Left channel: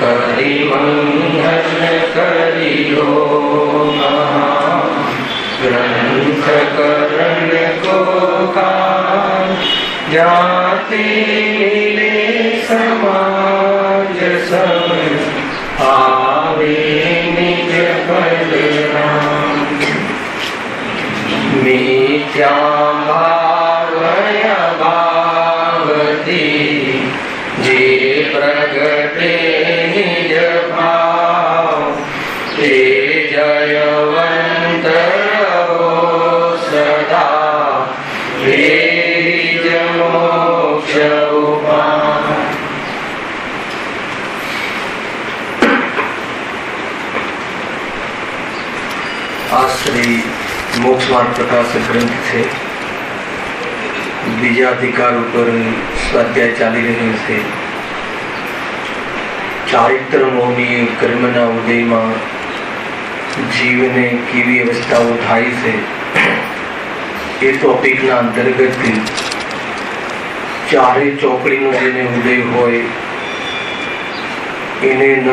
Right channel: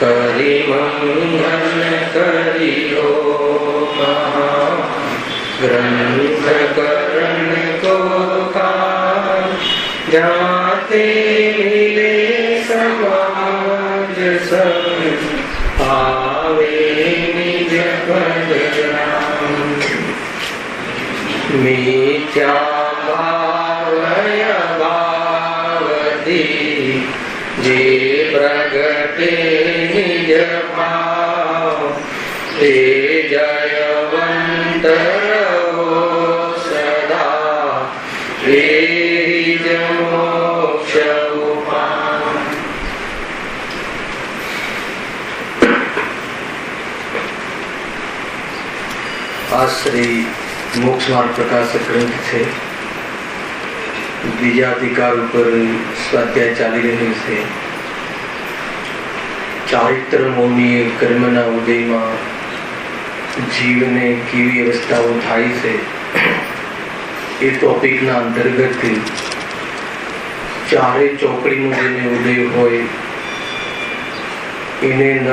करिमंगल करियो ग्रंथ करण को जाते मिले समाज सब आवे निज पद राम मिथ्या भावय भावती जे प्रगटे निज भाव ते जयवंत सदा हे मोक्ष उपाय। આ શ્રી મોક્ષ માર્ગ પ્રકાશક ગ્રંથ છે. બીજા અધિકાર ઉપર સ્વાધ્યાય ચાલી રહ્યો છે. ચારિત્ર મોની કર્મના ઉદયમાં જીવને કેવી અવસ્થાઓ થાય છે એ ટોપિકના અંતર્ગત ચારે ચોકડીનો જેને ઉદય હોય એને ન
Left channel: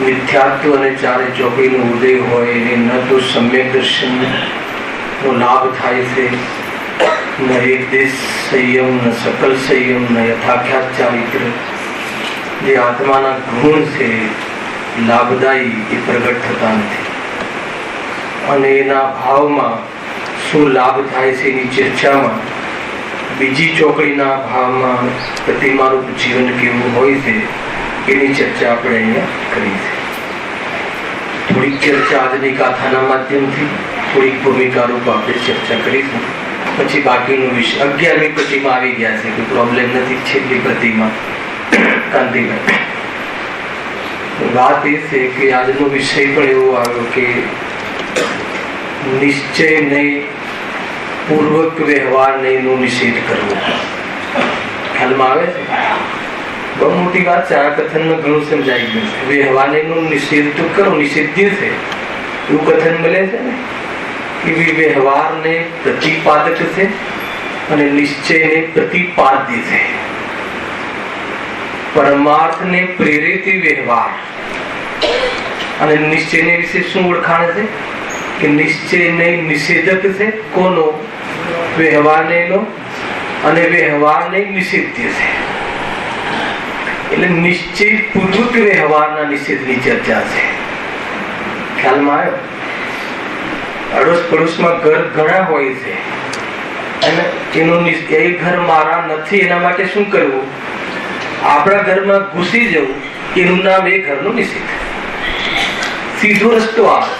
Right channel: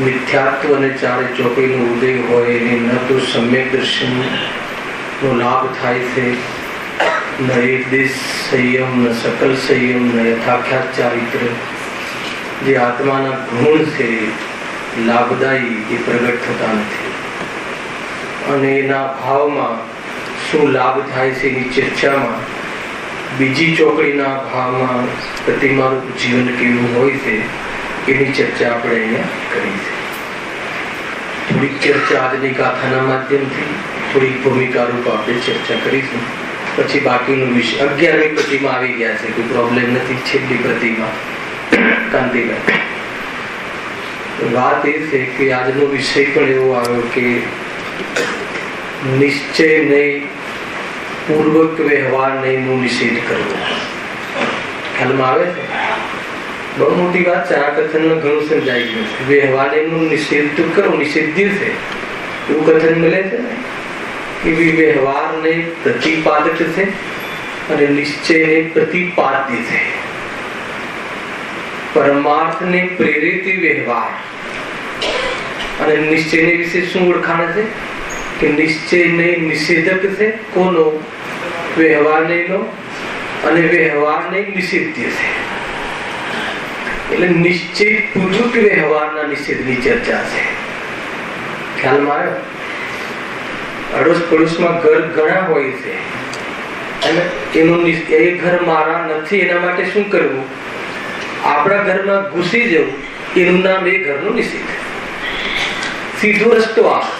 મિથ્યાત્વ અને ચારે ચોકડીનો ઉદય હોય એને ન તો સમ્યક દર્શનનો લાભ થાય છે, ન એકદેશ સંયમ, ન સકલ સંયમ, ન યથાખ્યાત ચારિત્ર જે આત્માના ગુણ છે લાભદાયી એ પ્રગટ થતા નથી. અને એના ભાવમાં શું લાભ થાય છે એની ચર્ચામાં બીજી ચોકડીના ભાવમાં પ્રતિમારૂપ જીવન કેવું હોય છે એની ચર્ચા આપણે અહીંયા કરી છે. થોડીક ચર્ચા આજની ગાથાના માધ્યમથી, થોડીક ભૂમિકારૂપ આપણે ચર્ચા કરીશું. પછી બાકીનો વિષય 11મી પ્રતિમા આવી ગયા છે, કોઈ પ્રોબ્લેમ નથી. છેલ્લી પ્રતિમા કાંતિભાઈ. વાત એ છે કે આજનો વિષય પણ એવો આવ્યો કે નિશ્ચય નહીં, પૂર્વક વ્યવહાર નહીં નો નિષેધ કરવો. ખ્યાલમાં આવે છે? બહુ મોટી વાત છે. આ કથનમાં ઘણું સમજાઈ ગયું છે. વ્યવહાર નહીં નો નિષેધ તો કરો, નિષેધ્ય છે એવું કથન મળે છે ને કે વ્યવહાર ને પ્રતિપાદક છે અને નિશ્ચય ને પ્રતિપાદ્ય છે. પરમાર્થ ને પ્રેરિત વ્યવહાર અને નિશ્ચય ને વિશે શું ઓળખાણ છે કે નિશ્ચય ને નિષેધક છે કોનો? વ્યવહાર ને નો, અને વ્યવહાર ને નિષેધ્ય છે. એટલે નિશ્ચય પૂર્વક વ્યવહારના નિષેધની ચર્ચા છે. ખ્યાલમાં આવ્યો? અડોશ પડોશમાં ઘર ઘણા હોય છે અને એનું એ ઘર મારા નથી એના માટે શું કરવું? આપણા ઘરમાં ઘૂસી જવું એનું નામ એ ઘરનો નિષેધ. સીધો રસ્તો આવે.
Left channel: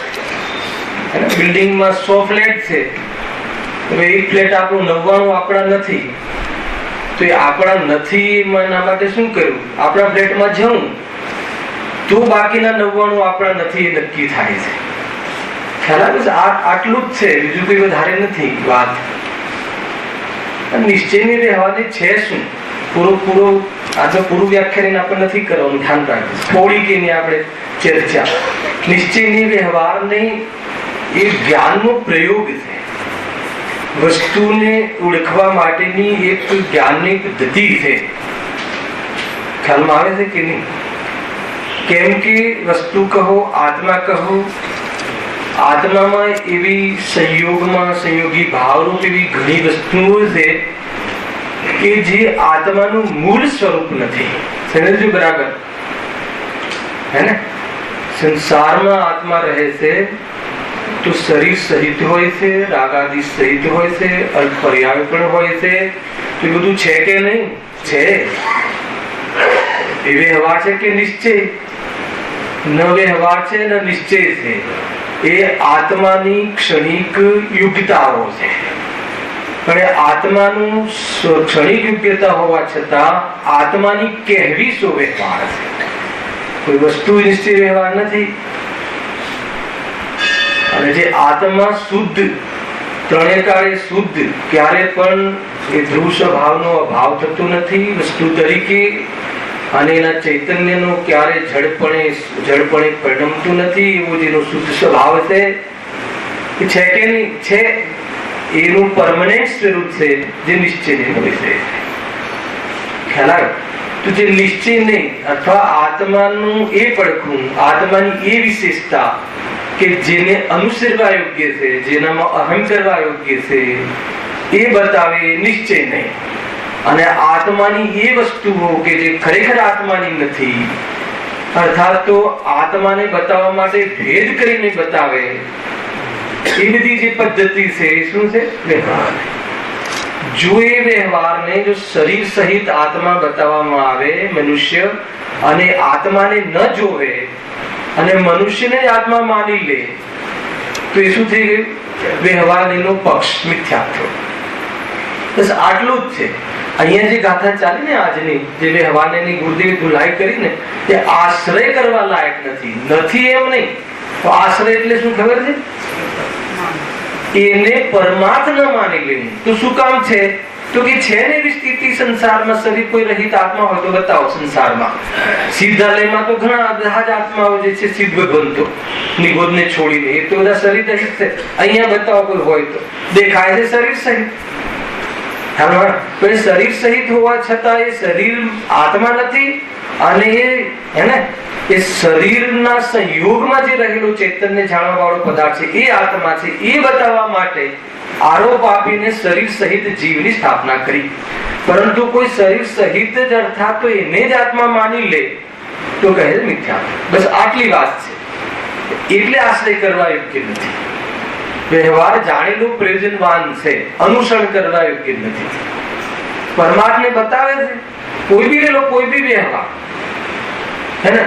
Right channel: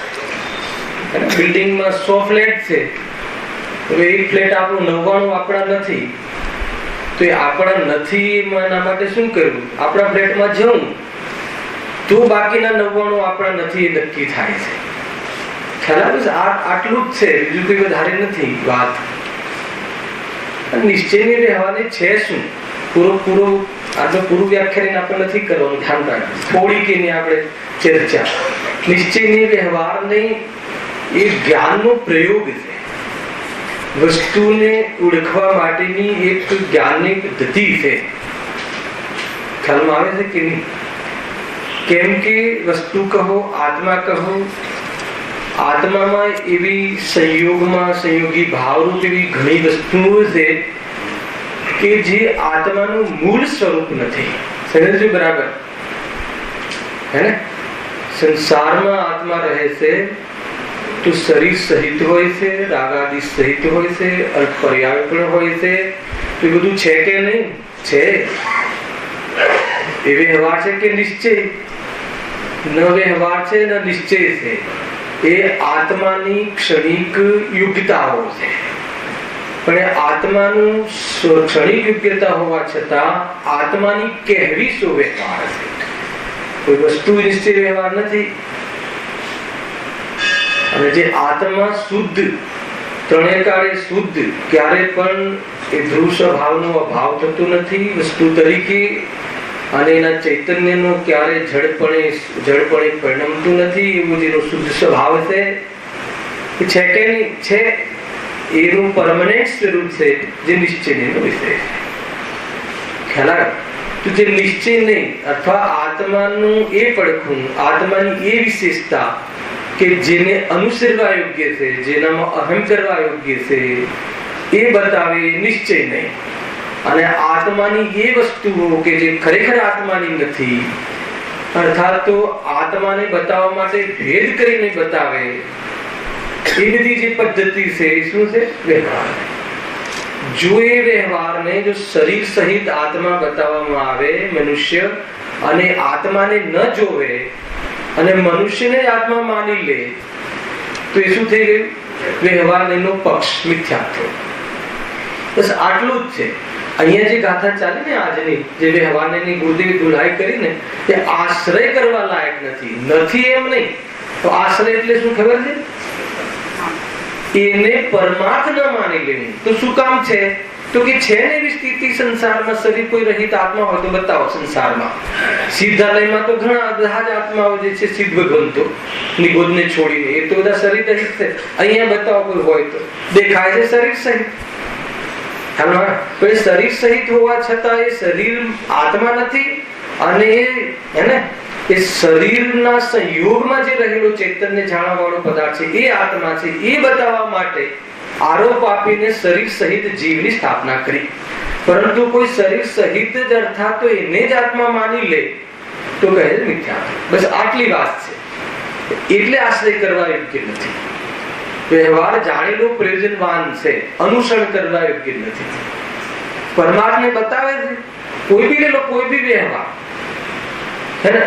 બિલ્ડિંગમાં 100 ફ્લેટ છે, હવે એક ફ્લેટ આપણું 99 આપણા નથી, તો એ આપણા નથી એના માટે શું કરવું? આપણા ફ્લેટમાં જવું તો બાકીના 99 આપણા નથી એ નક્કી થાય છે. ખ્યાલ આવે છે? આટલું જ છે, બીજું કોઈ વધારે નથી વાત. નિશ્ચયની રહેવાની છે શું? આજે પૂરું વ્યાખ્યાન આપણે નથી કરવાનું, ધ્યાન રાખવું. થોડી કે નહીં આપણે ચર્ચા. નિશ્ચયની વ્યવહારની એ જ્ઞાનનો પ્રયોગ છે. વસ્તુને ઓળખવા માટેની એક જ્ઞાનની પદ્ધતિ છે. ખ્યાલમાં આવે છે કે નહીં? કેમ કે વસ્તુ કહો, આત્મા કહો, આત્મામાં એવી સંયોગમાં સંયોગી ભાવરૂપ એવી ઘણી વસ્તુઓ છે કે જે આત્માનું મૂળ સ્વરૂપ નથી. સમજો બરાબર? હે ને? સંસારમાં આત્મા રહે છે તો શરીર સહિત હોય છે, રાગાદિ સહિત હોય છે, અર્થ પર્યાય પણ હોય છે. તો એ બધું છે કે નહીં? છે. એ વ્યવહાર છે કે નિશ્ચય? ન વ્યવહાર છે ન નિશ્ચય છે. એ આત્માની ક્ષણિક યોગ્યતાઓ છે. પણ એ આત્માનું ક્ષણિક યોગ્યતા હોવા છતાં આત્માની કહેવી શું વ્યવહાર છે? કોઈ વસ્તુ નિશ્ચય વ્યવહાર નથી. અને જે આત્મા શુદ્ધ, ત્રણેય કાળે શુદ્ધ, ક્યારે પણ એ ધ્રુવ સ્વભાવનો અભાવ થતો નથી વસ્તુ તરીકે, અને એના ચૈતન્યનો ક્યારે જડપણે પરિણમતું નથી. એવું જેનો શુદ્ધ સ્વભાવ છે કે નહીં? છે. એનું પરમનન્ટ સ્વરૂપ છે જે નિશ્ચયનો વિષય છે. ખ્યાલ આવે તો જે નિશ્ચય નહીં અથવા આત્માનું એ પડખું, આત્માની એ વિશેષતા કે જેને અનુસરવા યોગ્ય છે, જેનામાં અહમ કરવા યોગ્ય છે, એ બતાવે નિશ્ચય નહીં. અને આત્માની એ વસ્તુઓ કે જે ખરેખર આત્માની નથી, અર્થાત તો આત્માને બતાવવા માટે ભેદ કરીને બતાવે, એ બધી જે પદ્ધતિ છે એ શું છે? વ્યવહાર. જો એ વ્યવહારને જો શરીર સહિત આત્મા બતાવવામાં આવે મનુષ્ય, અને આત્માને ન જોવે અને મનુષ્યને આત્મા માની લે, તો એ શું થઈ ગયું? વ્યવહારનો પક્ષ મિથ્યા થયો. બસ આટલું જ છે. અહીંયા જે ગાથા ચાલી ને આજની, જે વ્યવહારની ગુરુદેવ ધુલાઈ કરીને, તે આશ્રય કરવા લાયક નથી એમ નહીં. તો આશ્રય એટલે શું ખબર છે? એને પરમાર્થ ન માની લેવું. તો શું કામ છે? તો કે છે ને એવી સ્થિતિ સંસારમાં, શરીર કોઈ રહિત આત્મા હોય તો બતાવો. સંસારમાં સિદ્ધાલયમાં તો ઘણા બધા જ આત્માઓ જે છે સિદ્ધ ભગવંતો નિગોદને છોડીને, એ તો બધા શરીર રહિત છે. અહીંયા બતાવો કોઈ હોય તો દેખાય છે શરીર સહિત. પણ શરીર સહિત હોવા છતાં એ શરીર આત્મા નથી, અને એ શરીરના સંયોગમાં જે રહેલું ચૈતન્ય જાણવા વાળો પદાર્થ છે એ આત્મા છે. એ બતાવવા માટે આરોપ આપીને શરીર સહિત જીવની સ્થાપના કરી. પરંતુ કોઈ શરીર સહિત જ અર્થાત તો એને જ આત્મા માની લે તો કહે મિથ્યા. બસ આટલી વાત છે. એટલે આશ્રય કરવા યોગ્ય નથી. વ્યવહાર જાણેલું પ્રયોજનવાન છે, અનુસરણ કરવા યોગ્ય નથી. પરમાત્માને બતાવે છે કોઈ બી લેલો, કોઈ બી વ્યવહાર, હે ને,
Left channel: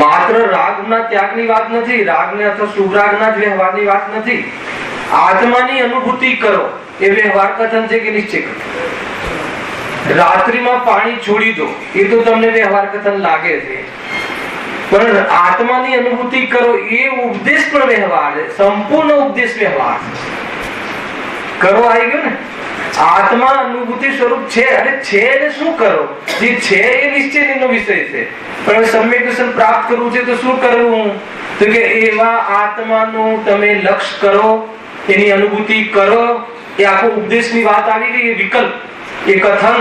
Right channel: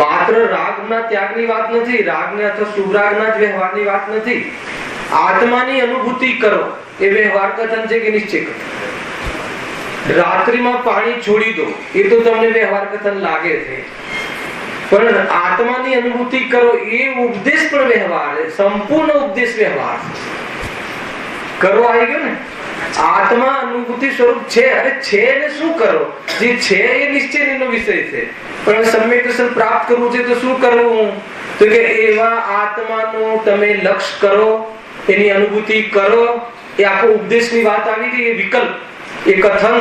માત્ર રાગના ત્યાગની વાત નથી, રાગને અથવા શુભરાગના જ વ્યવહારની વાત નથી. આત્માની અનુભૂતિ કરો એ વ્યવહાર કથન છે કે નિશ્ચય કથન? રાત્રિમાં પાણી છોડી દો એ તો તમને વ્યવહાર કથન લાગે છે, પણ આત્માની અનુભૂતિ કરો એ ઉપદેશ પણ વ્યવહાર છે. સંપૂર્ણ ઉપદેશ વ્યવહાર કરો આવી ગયો ને. આત્મા અનુભૂતિ સ્વરૂપ છે, અરે છે ને શું કરો? જે છે એ નિશ્ચયનો વિષય છે, પણ સમ્યક દર્શન પ્રાપ્ત કરવું છે તો શું કરવું? તો કે એવા આત્માનું તમે લક્ષ્ય કરો, એની અનુભૂતિ કરો. એ આખો ઉપદેશની વાત આવી ગઈ. એ વિકલ્પ, એ કથન,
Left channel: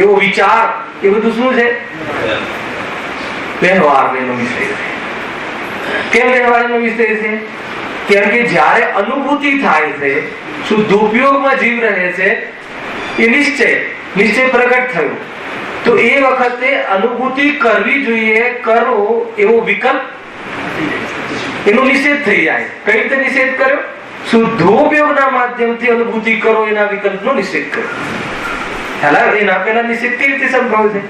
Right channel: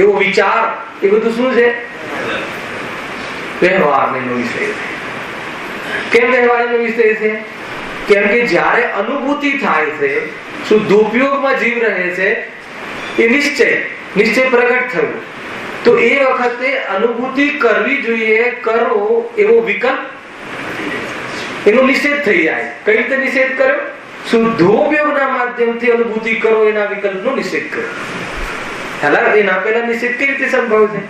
એવો વિચાર, એ બધું શું છે? વ્યવહારનો વિષય છે. કેમ વ્યવહારનો વિષય છે? કેમ કે જ્યારે અનુભૂતિ થાય છે, શુદ્ધ ઉપયોગમાં જીવ રહે છે, એ નિશ્ચય પ્રગટ થયો, તો એ વખતે અનુભૂતિ કરવી જોઈએ, કરો એવો વિકલ્પ, એનો નિષેધ થઈ જાય. કઈ રીતે નિષેધ કર્યો? શુદ્ધોપયોગના માધ્યમથી અનુભૂતિ કરો એના વિકલ્પનો નિષેધ કર્યો. એના પહેલા નિષેધ કેવી રીતે સંભવ છે?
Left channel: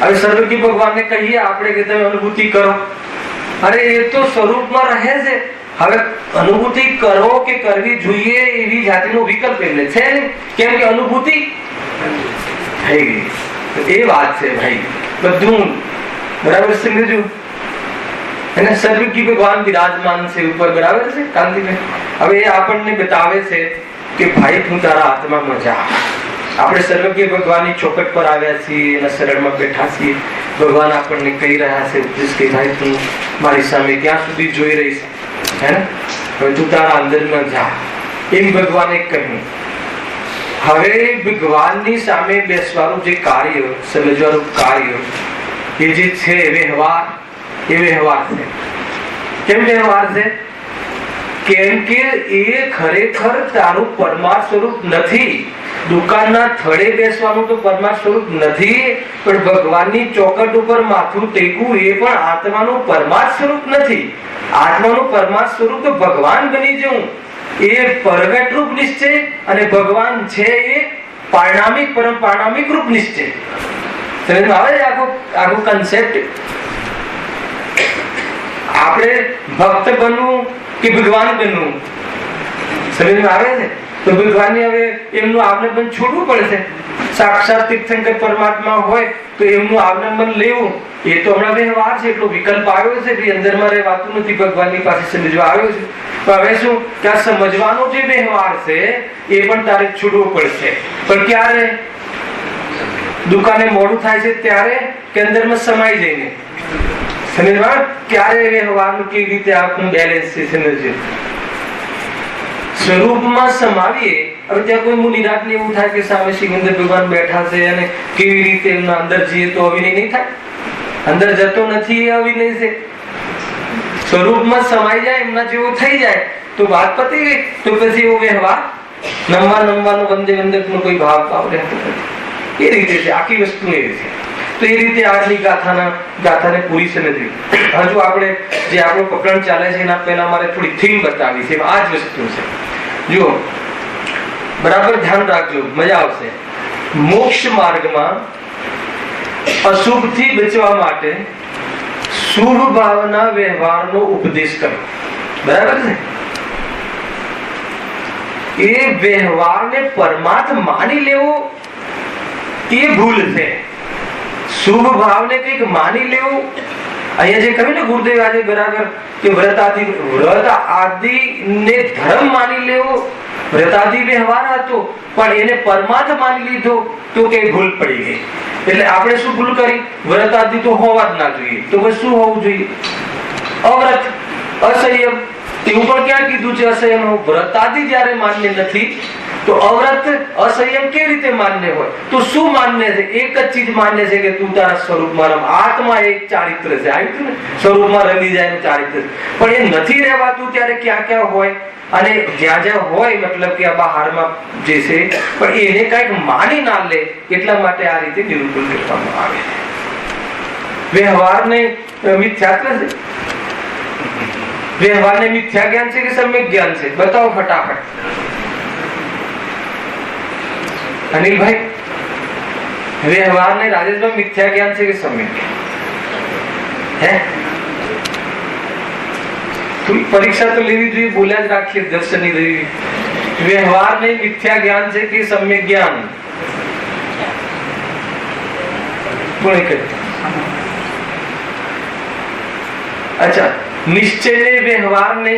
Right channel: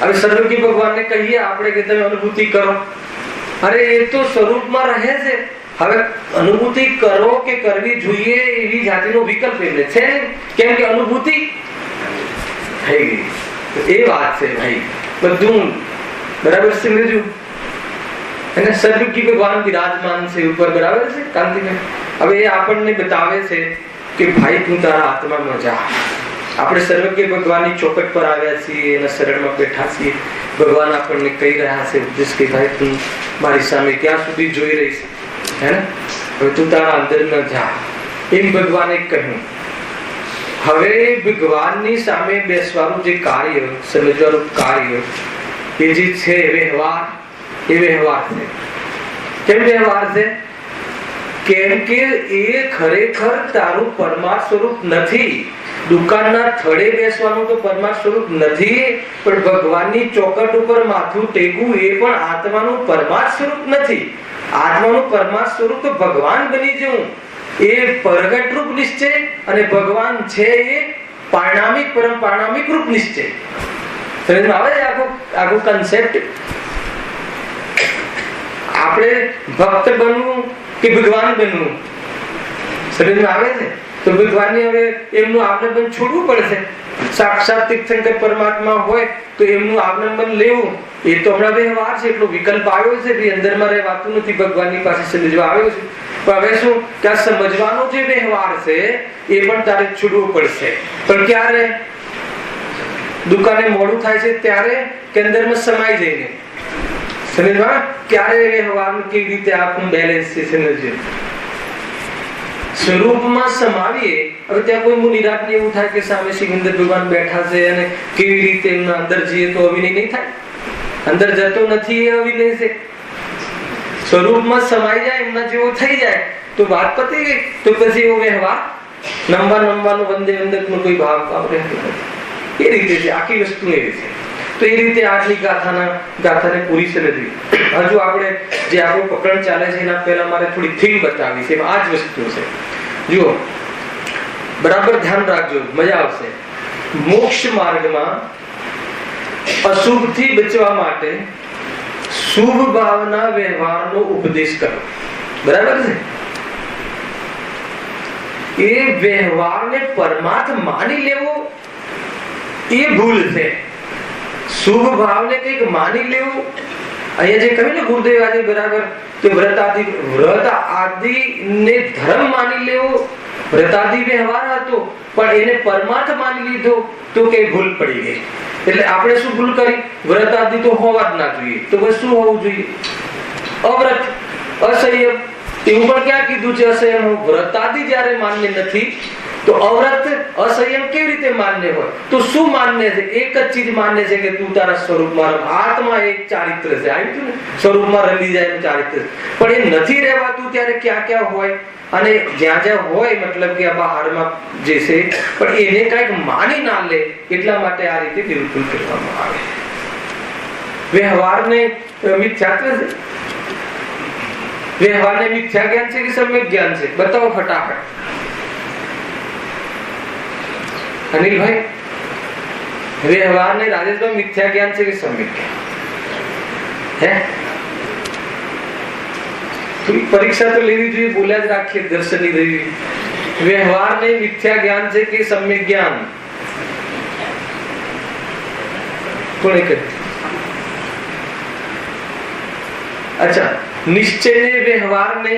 હવે સર્વજ્ઞ ભગવાનને કહીએ આપણે કે તમે અનુભૂતિ કરો, અરે એ તો સ્વરૂપમાં રહે છે. હવે અનુભૂતિ કરો કે કરવી જોઈએ એવી જાતિનો વિકલ્પ એમને છે, કેમ કે અનુભૂતિ થઈ ગઈ. એ વાત છે ભાઈ, બધું બરાબર સમજ્યું? અને સર્વજ્ઞ ભગવાન બિરાજમાન છે ઉપર, બરાબર છે કાંતિભાઈ? હવે એ આપણને બતાવે છે કે ભાઈ તું તારા આત્મામાં જા. આપણે સર્વજ્ઞ ભગવાનની ચોખટ પર આવ્યા છીએ, એના શરણમાં બેઠા છીએ. ભગવાન આપણને કહી રહ્યા છે ઉપદેશ કે ભાઈ તું મારી સામે ક્યાં સુધી જોઈ રહી છે, હે ને? હવે તું તારા અંદરમાં જા, એમ ભગવાને કહ્યું. હવે ભગવાનની સામે બેસવાનું જે કાર્ય, સમજવાનું કાર્ય, એ જે છે વ્યવહાર, એ વ્યવહાર છે. કેમ વ્યવહાર છે? કેમ કે એ ખરેખર તારું પરમાર્થ સ્વરૂપ નથી. દુકાનના થડે બેસવાનું તો પરમાર્થ સ્વરૂપ નથી, પણ ભગવાનની ચોકટ ઉપર માથું ટેકવું એ પણ આત્માનું પરમાર્થ સ્વરૂપ નથી. આત્માનું પરમાર્થ સ્વરૂપ તો ભગવાન બની જવું, એ પ્રગટ રૂપ નિશ્ચય, અને ભગવાન છે એ પારણામિક, પરમ પારણામિક રૂપ નિશ્ચય. સમજ આવે છે આખો કન્સેપ્ટ? આપણે ભક્ત બનવું કે ભગવાન બનવું, સમજમાં આવે છે? તો ભગવાનને હવે એમનું આવલંબન છોડવું પડશે. સાક્ષાત તીર્થંકર પરમાત્મા હોય તો એમનું આવલંબન લેવું, એ તો હમણાં વ્યવહાર છે. એટલો વિકલ્પ આવ્યો છે કે અંદરમાં રહેવાતું નથી, ભગવાનની પાસે સમજવા આવ્યો છે. હવે શું કે આ સમજવાનો જે વ્યવહાર છે એ પણ તારે છોડવું પડશે. પણ ક્યારે? દુકાને મોડું થાય છે ત્યારે કે અંદરમાં સમાઈ જઈને? સમજવા ક્યારે વ્યવહારનું કેવી રીતે આપણું બેલેન્સ છે સમજવું? સ્વરૂપમાં સમાવીએ હવે ત્યાં કોઈ મુનિરાત ને એવું થાય કે સામે સિકંદર ભગવાન બેઠા છે અને કેવી રીતે એમના અંદર જઈએ તો અવિનય નહીં થાય? અંદર જતો નથી એ અવિનય છે. સ્વરૂપમાં સમાઈ જાય એમના જેવો થઈ જાય તો વાત પતી ગઈ. તો પછી એવો વ્યવહાર નમવાનો વંદે વંદકનો કોઈ ભાવ રહેતો નથી. એ રીતે છે આખી વસ્તુ એ રીતે. તો એ રીતે આજની ગાથાને પૂરી છે નથી. હજુ આપણે જે આપણું પ્રકરણ ચાલે છે એના પહેલા મારે થોડી થીમ બતાવી છે. આ જ વસ્તુ છે. જુઓ, બરાબર ધ્યાન રાખજો, મજા આવશે. મોક્ષ માર્ગમાં અશુભથી બચવા માટે શુભ ભાવના વ્યવહારનો ઉપદેશ કરો. બરાબર છે? એ વ્યવહારને પરમાર્થ માની લેવો એ ભૂલ છે. શુભ ભાવને કંઈક માની લેવું, અહીંયા જે કહ્યું ને ગુરુદેવ આજે બરાબર કે વ્રત આદિ ને ધર્મ માની લેવો, વ્રત આદિ વ્યવહાર હતો પણ એને પરમાર્થ માની લીધો તો કઈ ભૂલ પડી ગઈ. એટલે આપણે શું ભૂલ કરી? વ્રત આદિ તો હોવા જ ના જોઈએ. તો બસ શું હોવું જોઈએ? અવ્રત, અસંયમ. એવું પણ ક્યાં કીધું છે અસંયમ? વ્રત આદિ જયારે માન્ય નથી તો અવ્રત અસંયમ કેવી રીતે માન્ય હોય? તો શું માન્ય છે? એક જ ચીજ માન્ય છે કે તું તારા સ્વરૂપમાં રમ. આત્મા એક ચારિત્ર છે, આવ્યું ને, સ્વરૂપમાં રમી જાય એનું ચારિત્ર. પણ એ નથી રહેવાતું ત્યારે ક્યાં ક્યાં હોય અને જ્યાં જ્યાં હોય મતલબ કે આ બહારમાં જે છે પણ એને કઈક માની ના લે એટલા માટે આ રીતે નિરૂપણ કરવામાં આવે. વ્યવહારને મિથ્યાત્વ છે. વ્યવહારને મિથ્યા જ્ઞાન છે કે સમ્યક જ્ઞાન છે? બતાવો ફટાફટ. અનિલભાઈ, વ્યવહારને રાજેશભાઈ મિથ્યા જ્ઞાન છે કે સમ્યક જ્ઞાન? હે, થોડી પરીક્ષા તો લેવી જોઈએ. બોલ્યા જ રાખીએ દર્શનની દેવી. વ્યવહારને મિથ્યા જ્ઞાન છે કે સમ્યક જ્ઞાન? કોણે કહ્યું? અચ્છા, નિશ્ચય ને વ્યવહાર ને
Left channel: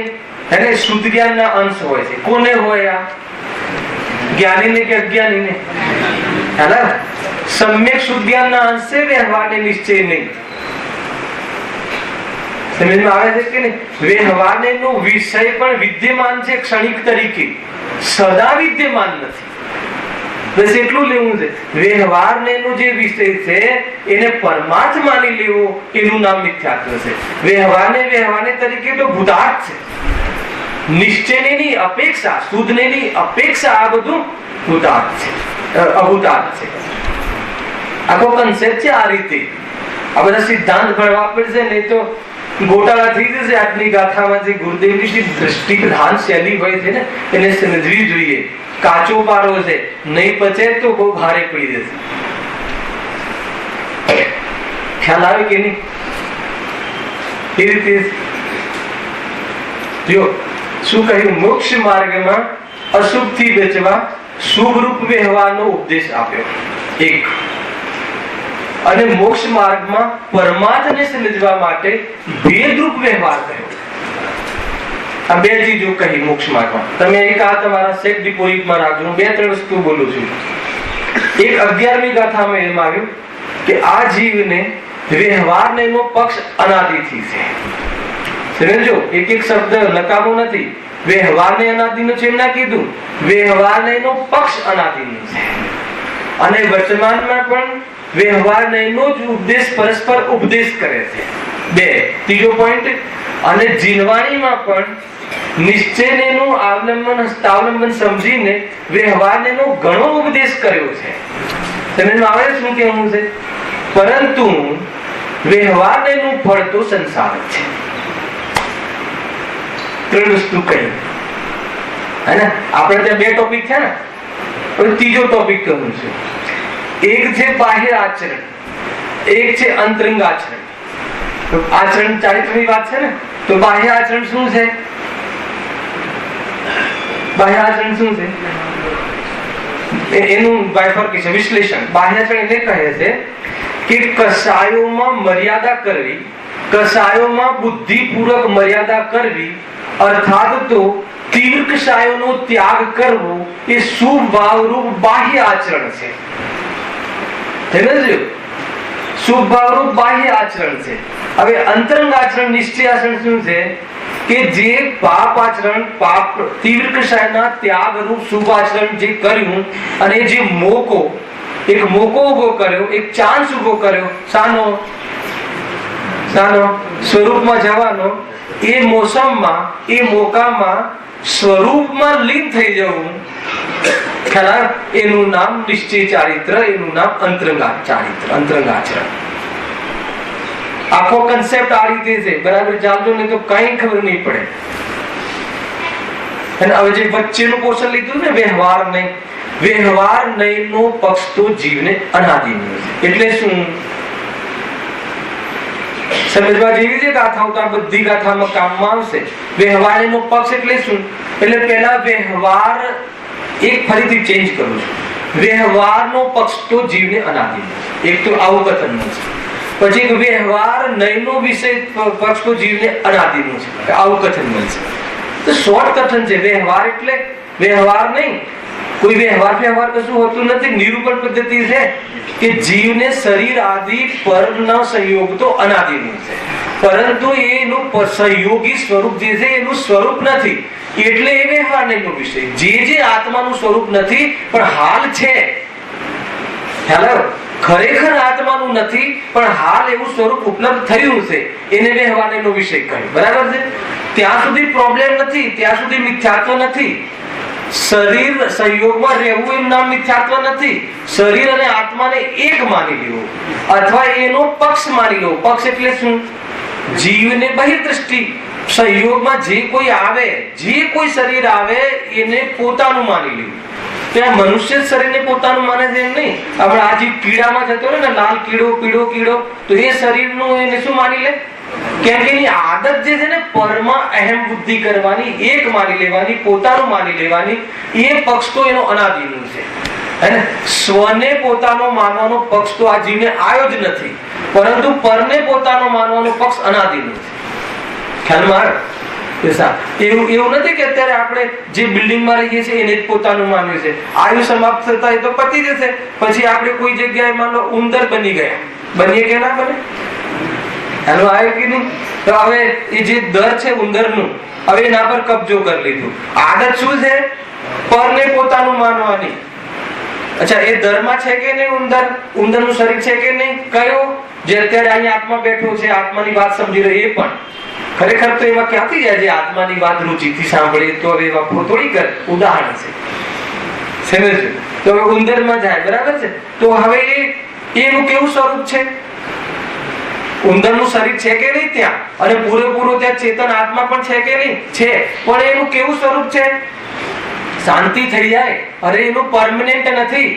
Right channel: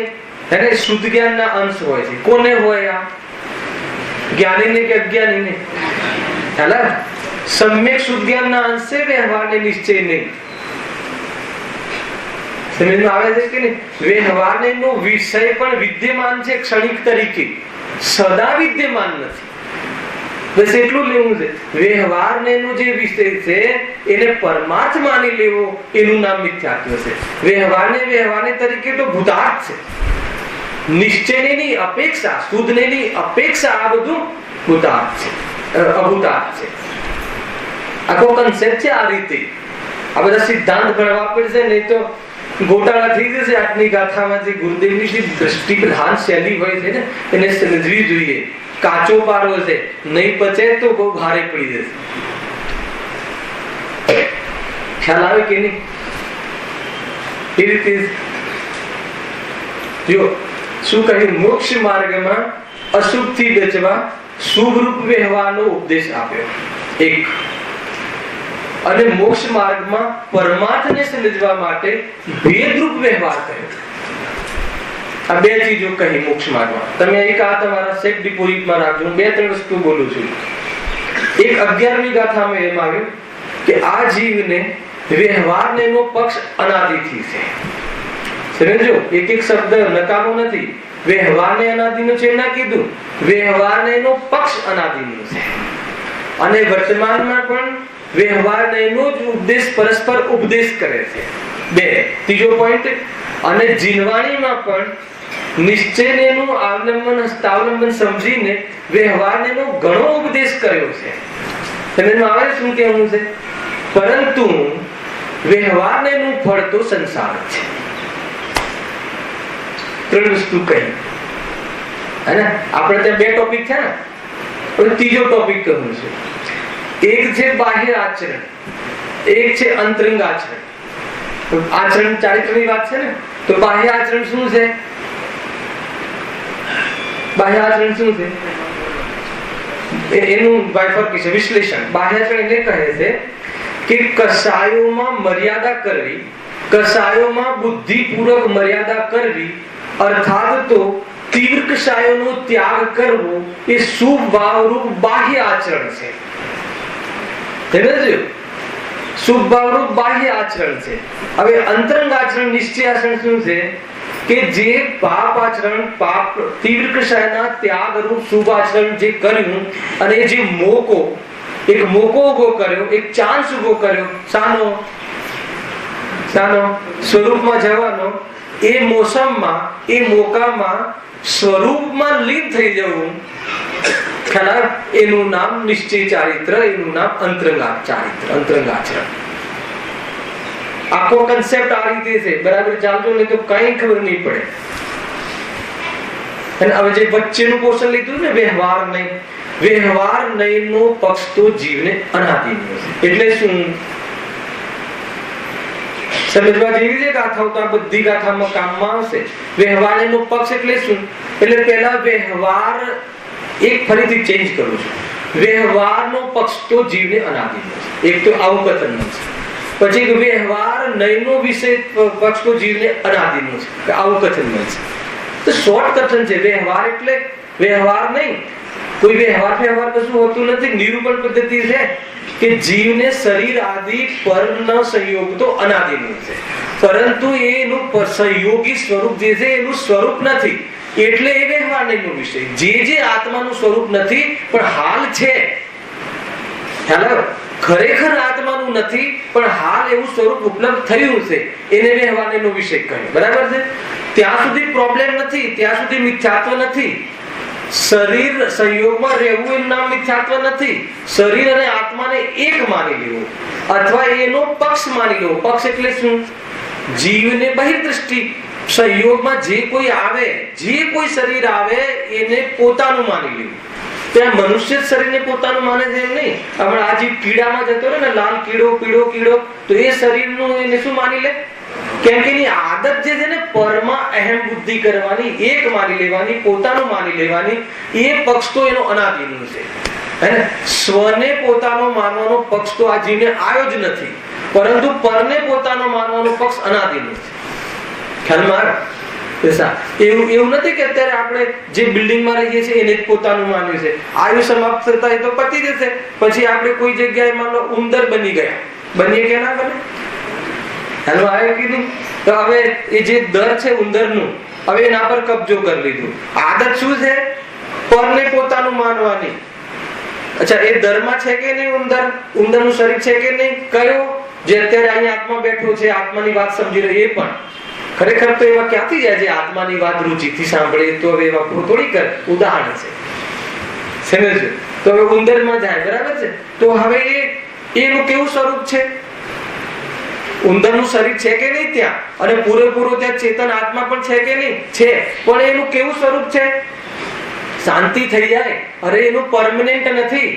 એને શુદ્ધ જ્ઞાન ના અંશ હોય છે. કોને હોય? આ જ્ઞાની ને કે અજ્ઞાની ને? હેલા, સમ્યક શુદ્ધ જ્ઞાન ના અંશ છે વ્યવહાર ને નિશ્ચય નહીં. સમજમાં આવે છે કે નહીં? વ્યવહાર નો વિષય પણ વિદ્યમાન છે ક્ષણિક તરીકે, સદા વિદ્યમાન નથી. બસ એટલું લેવું છે. વ્યવહાર નો જે વિષય છે એને પરમાર્થ માની લેવો એનું નામ મિથ્યાત્વ છે. વ્યવહારને તરીકે તો ભૂતાર્થ છે. નિશ્ચયની અપેક્ષા, શુદ્ધની અપેક્ષા આ બધું ભૂતાર્થ છે, અભૂતાર્થ છે. આખો કન્સેપ્ટ છે આ રીતે. આ બધા સિદ્ધાંત ભણવા પડશે, નહીં તો ગોટાળા થઈ જશે. આજની ગાથામાં જે ગુરુદેવની જે દ્રષ્ટિ પ્રધાન શૈલી હોય છે ને એને સમજવી જોઈએ. કાચો પારો છે, નહીં પચે તો બહુ ભારે પડી જશે. ખ્યાલ આવે કે નહીં? એ રીતે જો શું કહ્યું? મોક્ષ માર્ગમાં અશુભ થી બચવા શુભ રૂપ વ્યવહારનો ઉપદેશ આપ્યો એક, અને મોક્ષ માર્ગમાં પરમાર્થને સમજવા માટે ભેદરૂપ વ્યવહાર કર્યો. આ બે ચીજો કહી મોક્ષ માર્ગમાં. તમે એક આ તમારા સેટ ડિપોઝિટમાં રાખજો. હું 2-3 વસ્તુ બોલું છું. એક 11મી ગાથામાં એમ આવ્યું કે આ જીવને વ્યવહારને નો પક્ષ અનાદિથી છે. સમજો, એક એક શબ્દ નકામો નથી. વ્યવહારને અનાદિનો છે ના કીધું, વ્યવહારને નો પક્ષ અનાદિનો છે. અને વર્તમાનમાં પણ વ્યવહારનો જ ઉપદેશ પરસ્પર ઉપદેશ કરે છે. 2. ત્રીજો પોઈન્ટ, અને જીનવાણીમાં પણ નિશ્ચયનું આવલંબન હસ્તાવલંબન સમજીને વ્યવહારનો ઘણો ઉપદેશ કર્યો છે. સમજમાં આવે શું કહેવું છે? પરંતુ વ્યવહારનું ફળ તો સંસાર છે. 3 વસ્તુ કહી હે ને. આપણે ત્યાં 2 ટોપિક છે ને, હવે ત્રીજો ટોપિક કહું છું. એક છે બાહ્ય આચરણ, એક છે અંતરંગ આચરણ. આચરણ ચારિત્રની વાત છે ને, તો બાહ્ય આચરણ શું છે? બાહ્ય આચરણ શું છે? એનું બાયફર્કેશન, વિશ્લેષણ. બાહ્ય આચરણ એટલે કહે છે કે કસાયોમાં મર્યાદા કરવી, કસાયોમાં બુદ્ધિપૂર્વક મર્યાદા કરવી, અર્થાત તો તીવ્ર કસાયોનો ત્યાગ કરવો એ શુભ ભાવરૂપ બાહ્ય આચરણ છે. શુભ ભાવરૂપ બાહ્ય આચરણ છે. હવે અંતરંગ આચરણ નિશ્ચય આચરણ શું છે? કે જે પાપ આચરણ, પાપ તીવ્ર કષાયના ત્યાગ રૂપ શુભ આચરણ જે કર્યું, અને જે મોકો, એક મોકો ઉભો કર્યો, એક ચાન્સ ઉભો કર્યો, સાનો સ્વરૂપમાં જવાનો, એ મોસમમાં, એ મોકામાં સ્વરૂપમાં લીન થઈ જવું, ખ્યાલ, એનું નામ નિશ્ચય ચારિત્ર, એનું નામ અંતરંગા ચારિત્ર, અંતરંગાચરણ. આખો કન્સેપ્ટ આ રીતે છે. બરાબર ચાલજો નહીં તો કઈ ખબર નહીં પડે. અને હવે જે વચ્ચેનું પોર્શન લીધું ને, વ્યવહાર નહીં, વ્યવહાર નહીં નો પક્ષ તો જીવને અનાદિનો છે. એટલે શું સમજવા જેવી છે ગાથાઓ, તો બધી ગાથામાં કામમાં આવશે. વ્યવહાર નો પક્ષ એટલે શું? એટલે પેલા વ્યવહાર એક ફરીથી ચેન્જ કરું છું. વ્યવહારનો પક્ષ તો જીવને અનાદિનો છે. એક તો આવું કથન છે. પછી વ્યવહાર નયનો વિષય પક્ષ તો જીવને અનાદિનો છે. આવું કથન બનશે. તો શોર્ટ કથન છે. વ્યવહાર એટલે વ્યવહાર નહીં, કોઈ વ્યવહાર કશું હોતું નથી. નિરૂપણ પદ્ધતિ છે કે જીવને શરીર આદિ પરનો સંયોગ તો અનાદિનો છે, પરંતુ એનું સંયોગી સ્વરૂપ જે છે એનું સ્વરૂપ નથી. એટલે એ વ્યવહાર નહીંનો વિષય. જે આત્માનું સ્વરૂપ નથી પણ હાલ છે, ખ્યાલ, ખરેખર આત્માનું નથી પણ હાલ એવું સ્વરૂપ ઉપલબ્ધ થયું છે, એને વ્યવહાર નહીંનો વિષય કહ્યો. બરાબર છે? ત્યાં સુધી પ્રોબ્લેમ નથી, ત્યાં સુધી મિથ્યાત્વ નથી. શરીર સંયોગમાં રહેવું એનું નામ મિથ્યાત્વ નથી. શરીર અને આત્માને એક માની લેવો અથવા એનો પક્ષ માની લેવો. પક્ષ એટલે શું? જીવને બહિર્દ્રષ્ટિ સંયોગમાં જે કોઈ આવે, જે કોઈ શરીર આવે એને પોતાનું માની લેવું. ત્યાં મનુષ્ય શરીરને પોતાનું માને છે એમ નહીં. આપણે આ જે કીડામાં જતો રહે ને, લાલ કીડો, પીળો કીડો, તો એ શરીરનું એને શું માની લે? કેમ કે એની આદત જે છે ને પરમાં અહેમ બુદ્ધિ કરવાની, એક માની લેવાની, પોતાનું માની લેવાની, એ પક્ષ તો એનો અનાદિનો છે. હે ને? સ્વને પોતાનો માનવાનો પક્ષ તો આ જીવને આવ્યો જ નથી, પરંતુ પરને પોતાનો માનવાનો પક્ષ અનાદિનો છે. ખ્યાલમાં એવું નથી કે અત્યારે આપણે જે બિલ્ડિંગમાં રહીએ છીએ એને જ પોતાનું માન્યું છે. આયુ સમાપ્ત થતા એ તો પતી જશે. પછી આપણે કોઈ જગ્યાએ માનો ઉંદર બની ગયા, બનીએ કે ના બને? હાલો આવ્યું કીધું. તો હવે એ જે દર છે ઉંદરનું, હવે એના પર કબજો કરી લીધું. આદત શું છે? પરને પોતાનું માનવાની. અચ્છા, એ દરમાં છે કે નહીં ઉંદર? ઉંદરનું શરીર છે કે નહીં? કયો? જે અત્યારે અહીંયા આત્મા બેઠો છે, આત્માની વાત સમજી રહ્યો, એ પણ ખરેખર તો એમાં ક્યાંથી જાય? જે આત્માની વાત રુચિથી સાંભળે તો હવે એમાં થોડી કર. ઉદાહરણ છે, સમજજો. તો હવે ઉંદરમાં જાય, બરાબર છે? તો હવે એનું કેવું સ્વરૂપ છે? ઉંદરનું શરીર છે કે નહીં ત્યાં? અને પૂરેપૂરો ત્યાં ચેતન આત્મા પણ છે કે નહીં? છે. પણ એનું કેવું સ્વરૂપ છે? શાંતિ થઈ જાય. અરે એનું પરમનન્ટ નથી,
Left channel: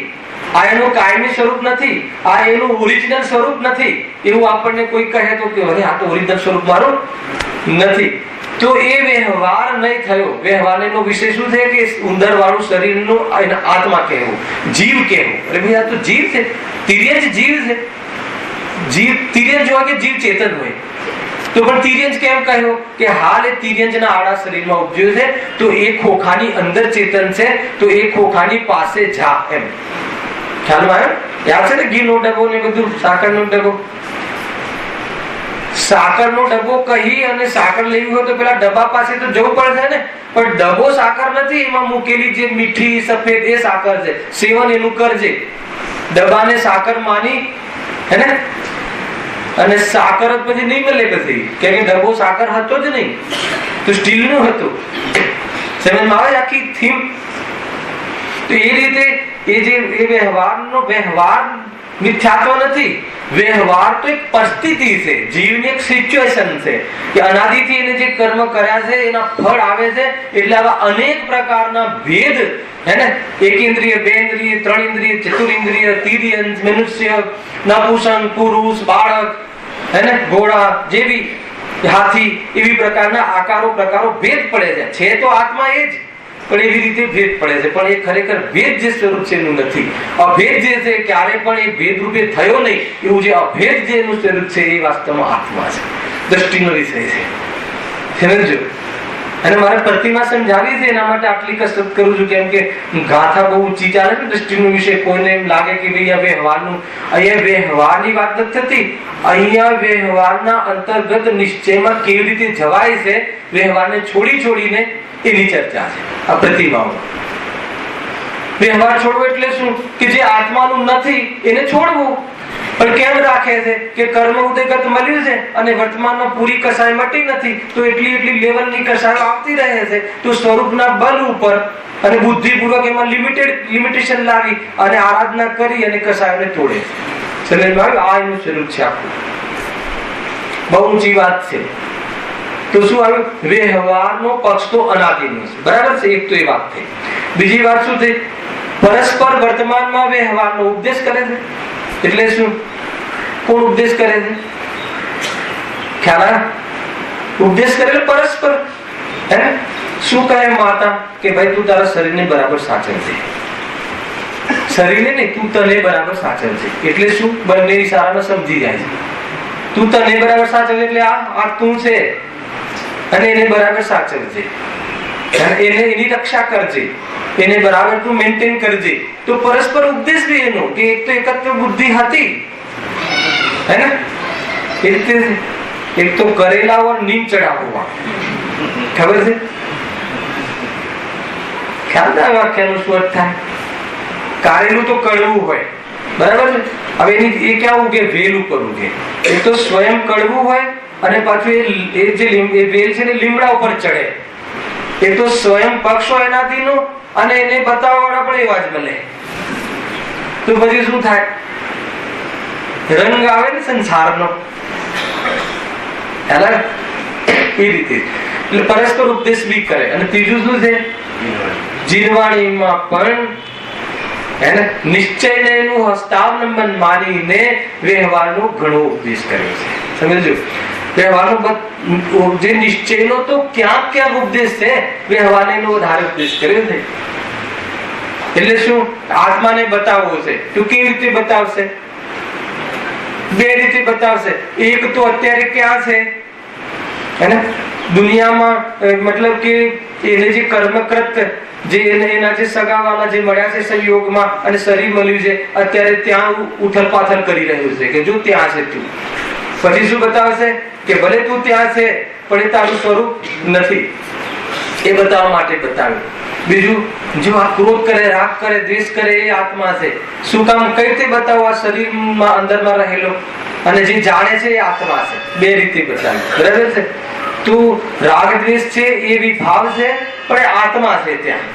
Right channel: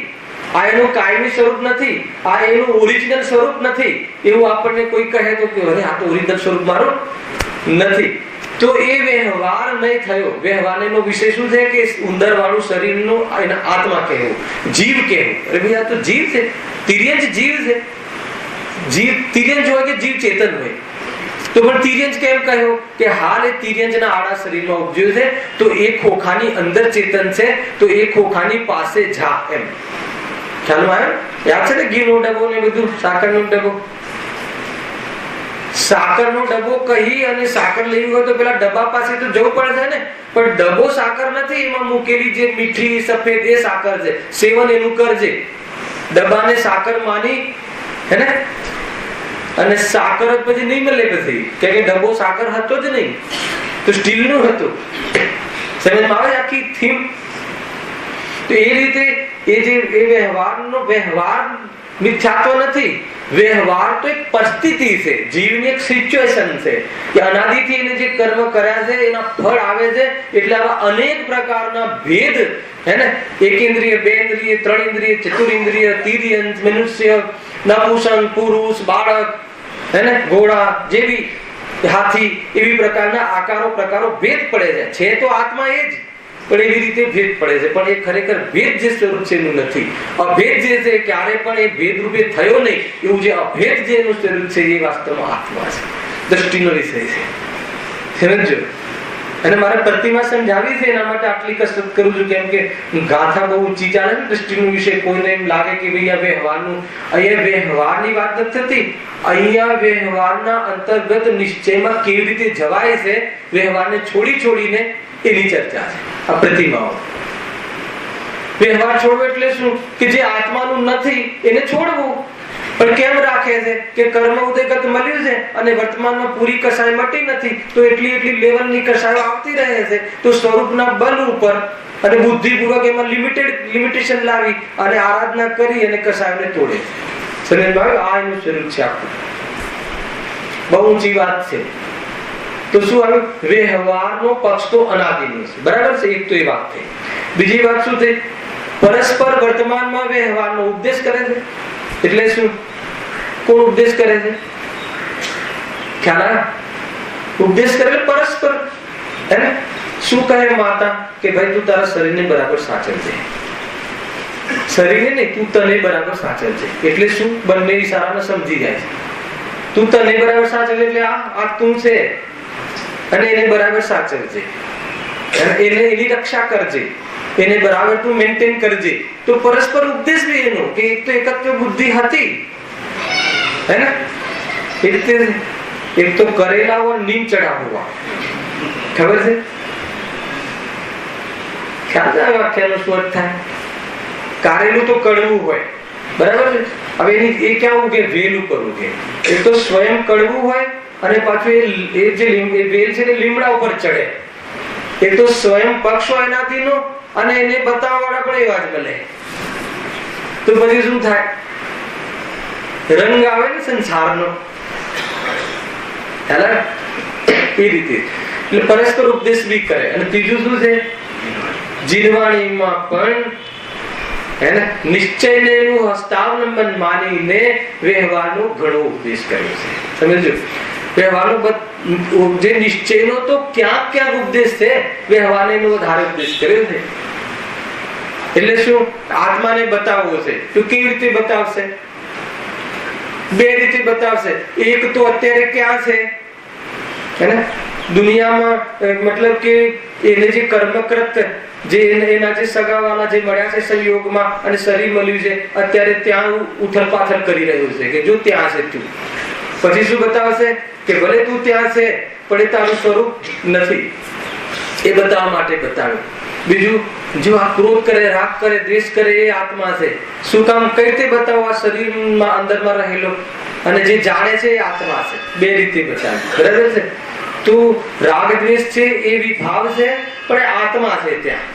આ એનું કાયમી સ્વરૂપ નથી, આ એનું ઓરિજિનલ સ્વરૂપ નથી. એવું આપણને કોઈ કહે તો કે અરે આ તો ઓરિજિનલ સ્વરૂપ મારું નથી. તો એ વ્યવહાર નહીં થયો. વ્યવહાર નો વિષય શું છે? કે ઉંદર વાળું શરીરનું આત્મા કહેવું, જીવ કહેવું. અરે ભાઈ આ તો જીવ છે, તિર્યંજ જીવ છે. જીવ તિર્યંજ હોય કે જીવ ચેતન હોય? તો પણ તિર્યંજ કેમ કહ્યો? કે હાલ એ તિર્યંજના આડા શરીરમાં ઉપજ્યો છે, તો એ ખોખાની અંદર ચેતન છે, તો એ ખોખાની પાસે જા એમ. ખ્યાલ આવ્યો? યાદ છે ને ઘીનો ડબ્બો ને બધું, સાકરનો ડબ્બો. સાકરનો ડબ્બો કહી અને સાકર લેવી હોય તો પેલા ડબ્બા પાસે તો જવું પડે છે ને. પણ ડબ્બો સાકર નથી, એમાં મૂકેલી જે મીઠી સફેદ એ સાકર છે. સેવન એનું કરજે. ડબ્બાને સાકર માની, હે ને? અને સાકર જ પછી નહીં મળે પછી, કેમ કે ડબ્બો સાકર હતો જ નહીં, તો સ્ટીલ નું હતું. સમજમાં આવે આખી થીમ? તો એ રીતે એ વ્યવહારનો વ્યવહાર મિથ્યાત્વ નથી. વ્યવહાર તો એક પરિસ્થિતિ છે, જીવની એક સિચ્યુએશન છે કે અનાદિથી એને જે કર્મ કર્યા છે એના ફળ આવે છે. એટલે આવા અનેક પ્રકારના ભેદ, હે ને? એકેન્દ્રિય, બેન્દ્રિય, ત્રણ ઇન્દ્રિય, ચતુરિન્દ્રિય, તિર્યંજ, મનુષ્ય, નપુંસક, પુરુષ, બાળક, હે ને? ઘોડા જેવી, હાથી, એવી પ્રકારના આકારો પ્રકારો ભેદ પડે છે. તો આત્મા એ જ, પણ એવી રીતે ભેદ પડે છે. પણ એ ખરેખર ભેદ જે સ્વરૂપ છે એનું નથી. અભેદ જે છે ક્યારે પણ એ ભેદ રૂપે થયો નહીં. એવું જે અભેદ જે એનું સ્વરૂપ છે એ વાસ્તવમાં આત્મા છે. દ્રષ્ટિનો વિષય છે, સમજો. અને મારે પ્રતિમા સમજાવી છે એના માટે આટલી કસરત કરું છું, કેમ કે ગાથા બહુ ઊંચી ચાલે છે દ્રષ્ટિનો વિષય. કોઈને એમ લાગે કે ભાઈ આ વ્યવહારનું, અહીંયા વ્યવહારની વાત નથી થતી, અહીંયા વ્યવહારના અંતર્ગત નિશ્ચયમાં કેવી રીતે જવાય છે, વ્યવહારને છોડીને એની ચર્ચા છે આ પ્રતિમાઓ. વ્યવહાર છોડવો એટલે શું? કે જે આત્માનું નથી એને છોડવું. પણ કેમ રાખે છે? કે કર્મ ઉદયગત મળ્યું છે અને વર્તમાનમાં પૂરી કસાય મટી નથી, તો એટલી લેવલની કસાયો આવતી રહે છે. તો સ્વરૂપના બલ ઉપર અને બુદ્ધિપૂર્વક એમાં લિમિટેશન લાવી અને આરાધના કરી અને કસાયોને તોડે છે. આ એનું સ્વરૂપ છે આખું. બહુ ઊંચી વાત છે. તો શું આવ્યું? વ્યવહારનો પક્ષ તો અનાદિનો છે, બરાબર છે. એક તો એ વાત થઈ. બીજી વાત શું થઈ? પરસ્પર વર્તમાનમાં વ્યવહારનો ઉપદેશ કરે છે. એટલે શું? કોણ ઉપદેશ કરે છે? ખ્યાલ આવે? ઉપદેશ કરે એટલે પરસ્પર. હે, શું કહે માતા? કે ભાઈ તું તારા શરીરને બરાબર સાચવજે. શરીરને નહીં, તું તને બરાબર સાચવજે. એટલે શું? બંને ઈશારામાં સમજી જાય છે. તું તને બરાબર સાચવજે એટલે આ તું છે અને એને બરાબર સાચવજે, એને એની રક્ષા કરજે, એને બરાબર તું મેન્ટેન કરજે. તો પરસ્પર ઉપદેશ બી એનો કે એક તો એકત્વ બુદ્ધિ હતી, હે ને? એ રીતે એક તો કરેલા ઓર નીમ ચढ़ा हुआ. ખબર છે? ખ્યાલ છે વાક્યનો શું અર્થ થાય? કારેલું તો કડવું હોય, બરાબર છે. હવે એ ક્યાં ઉગે? વેલ ઉપર ઉગે. એક તો સ્વયં કડવું હોય અને પાછું એ જે વેલ છે ને લીમડા ઉપર ચડે. એક તો સ્વયં પક્ષ હોય એનાથીનો અને એને બતાવવા વાળા પણ એવા જ મળે. તો પછી શું થાય? રંગ આવે ને સંસારનો. એ રીતે એટલે પરસ્પર ઉપદેશ બી કરે. અને ત્રીજું શું છે? જીનવાણીમાં પણ હે ને નિશ્ચયને એનું હસ્તાવલંબન માનીને વ્યવહારનો ઘણો ઉપદેશ કર્યો છે. સમજો? વ્યવહારનો જે નિશ્ચયનો તો ક્યાંક ઉપદેશ છે, વ્યવહારને વધારે ઉપદેશ કર્યો છે. એટલે શું? આત્માને બતાવવો છે. તો કેવી રીતે બતાવશે? બે રીતે બતાવશે. એક તો અત્યારે ક્યાં છે, હે ને? દુનિયામાં, મતલબ કે એને જે કર્મકૃત જે એના જે સગાવાલા જે મળ્યા છે સંયોગમાં અને શરીર મળ્યું છે, અત્યારે ત્યાં ઉથલ પાથલ કરી રહ્યું છે કે જો ત્યાં છે તું. પછી શું બતાવશે? કે ભલે તું ત્યાં છે પણ એ તારું સ્વરૂપ નથી, એ બતાવવા માટે બતાવ્યું. બીજું, જો આ ક્રોધ કરે, રાગ કરે, દ્વેષ કરે એ આત્મા છે. શું કામ? કઈ રીતે બતાવો? આ શરીરમાં અંદરમાં રહેલો અને જે જાણે છે એ આત્મા છે. બે રીતે બતાવ્યું, બરાબર છે. તો રાગ દ્વેષ છે એ વિભાવ છે પણ આત્મા છે ત્યાં.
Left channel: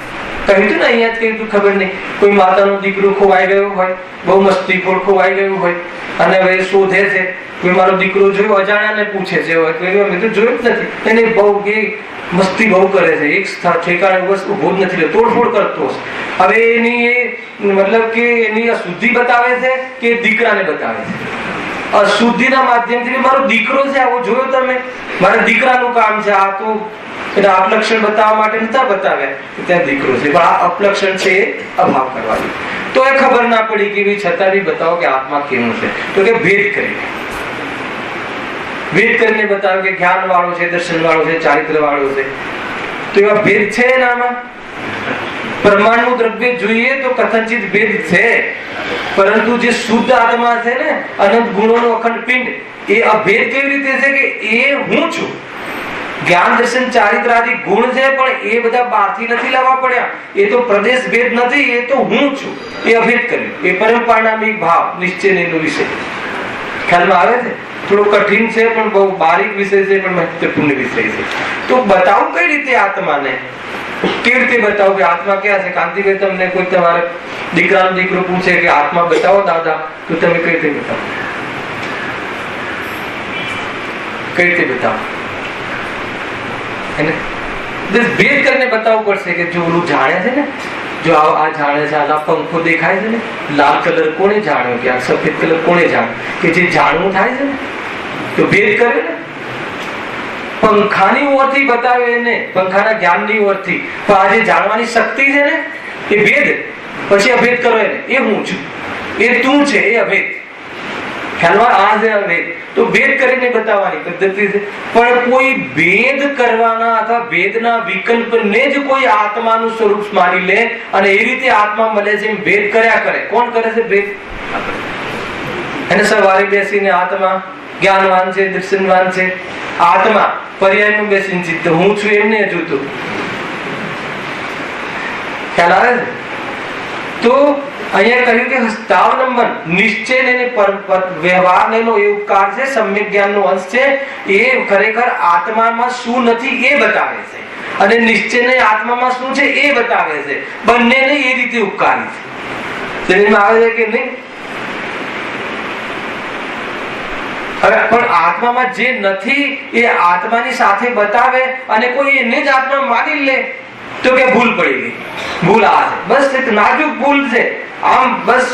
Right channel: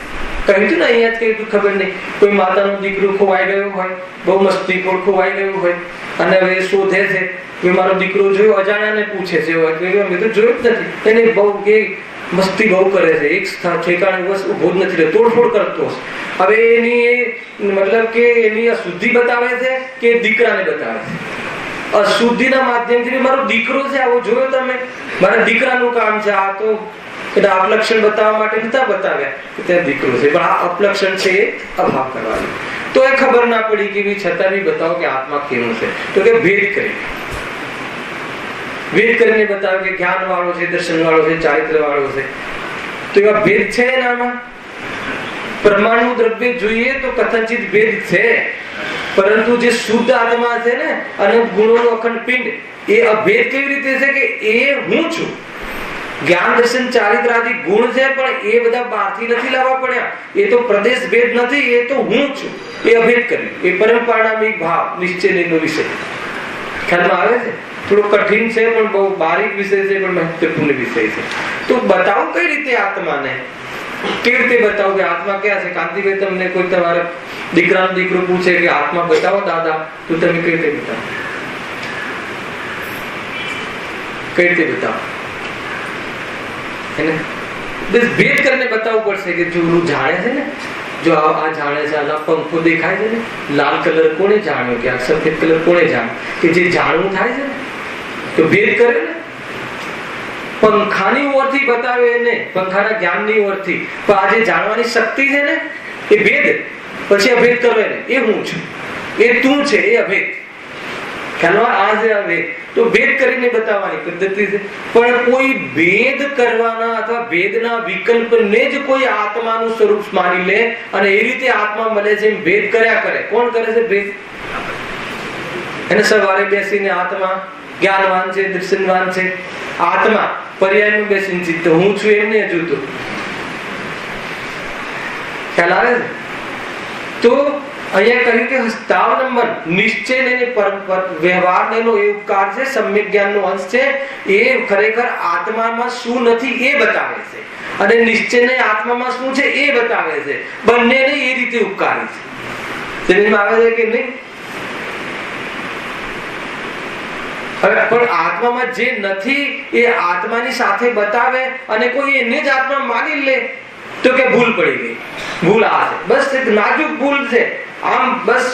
કહ્યું તું ને, અહીંયા જ કહ્યું તું, ખબર નહીં, કોઈ માતાનો દીકરો ખોવાઈ ગયો હોય, બહુ મસ્તીખોર ખોવાઈ ગયું હોય અને હવે શોધે છે કે મારો દીકરો જોયો, અજાણ્યાને પૂછે છે, મેં તો જોયું જ નથી. એને બહુ કે મસ્તી બહુ કરે છે, એક ઠેકાણે બસ ઉભો જ નથી રહેતો, તોડફોડ કરતો. હવે એની મતલબ કે એની અશુદ્ધિ બતાવે છે કે દીકરાને બતાવે છે? અશુદ્ધિના માધ્યમથી મારો દીકરો છે આવો જોયો તમે, મારા દીકરાનું કામ છે આ. તો અપલક્ષણ બતાવવા માટે નતા બતાવ્યા કે ત્યાં દીકરો છે, પણ આ અપલક્ષણ છે એ અભાવ કરવાની. તો એ ખબર ના પડી કે છતાં બી બતાવો કે આત્મા કેવું છે. તો કે ભેદ કરીને બતાવે કે જ્ઞાન વાળો છે, દર્શન વાળો છે, ચારિત્ર વાળો છે. તો એવા ભેદ છે એનામાં. પ્રમાણનું દ્રવ્ય જોઈએ તો કથનચિત ભેદ છે, પરંતુ જે શુદ્ધ આત્મા છે ને, અનંત ગુણોનો અખંડ પિંડ, એ અભેદ કેવી રીતે છે? કે એ હું છું. જ્ઞાન દર્શન ચારિત્ર આદિ ગુણ છે પણ એ બધા બહારથી નથી લાવવા પડ્યા. એ તો પ્રદેશ ભેદ નથી, એ તો હું છું. એ અભેદ કર્યું. એ પરમ પારણામિક ભાવ નિશ્ચયનો વિષય. ખ્યાલમાં આવે છે? થોડો કઠિન છે પણ બહુ બારીક વિષય છે, પણ મહત્વપૂર્ણ વિષય છે. તો બતાવું કઈ રીતે આત્માને? કેવી રીતે બતાવું કે આત્મા ક્યાં છે? કાંતિભાઈ, તમને કોઈ તમારા દીકરાનો દીકરો પૂછે કે આત્મા બતાવો દાદા, તો તમે કઈ રીતે બતાવો? કઈ રીતે બતાવો? ભેદ કરીને બતાવવું પડશે કે જો ઓલું જાણે છે ને, જો આ જાણે છે, આ પંખો દેખાય છે ને, લાલ કલર કોને જાણ્યો કે આ સફેદ કલર કોને જાણ્યો? કે જે જાણવું થાય છે ને, તો ભેદ કરે ને. પંખાની ઓરથી બતાવે એને, પંખાના જ્ઞાનની ઓરથી, પણ આ જે જાણવાની શક્તિ છે ને એ ભેદ. પછી અભેદ કરો એને, એ હું છું, એ તું છે, એ અભેદ. ખ્યાલમાં આ છે વેદ. તો ભેદ કરીને બતાવવાની પદ્ધતિ છે. પણ કોઈ ભેદ કરવાના અથવા ભેદના વિકલ્પને જ કોઈ આત્માનું સ્વરૂપ માની લે અને એ રીતે આત્મા મળે છે એમ ભેદ કર્યા કરે. કોણ કરે છે ભેદ? એને સવારે બેસીને આત્મા જ્ઞાનવાન છે, દર્શનવાન છે. આત્મા પર્યાયમાં બેસીને ચિત્ત હું છું એમને જોતું. ખ્યાલ આવે છે? તો અહીંયા કહ્યું કે હસ્તાવલંબન નિશ્ચય ને વ્યવહાર એનો એ ઉપકાર છે, સમ્યક જ્ઞાનનો અંશ છે. એ ખરેખર આત્મામાં શું નથી એ બતાવે છે અને નિશ્ચય ને આત્મામાં શું છે એ બતાવે છે. બંનેને એ રીતે ઉપકારી છે. સમજમાં આવે છે કે નહીં? પણ આત્મામાં જે નથી એ આત્માની સાથે બતાવે અને કોઈ એને જ આત્મા માની લે તો કે ભૂલ પડી ગઈ. ભૂલ આ છે, બસ એક નાજુક ભૂલ છે. આમ બસ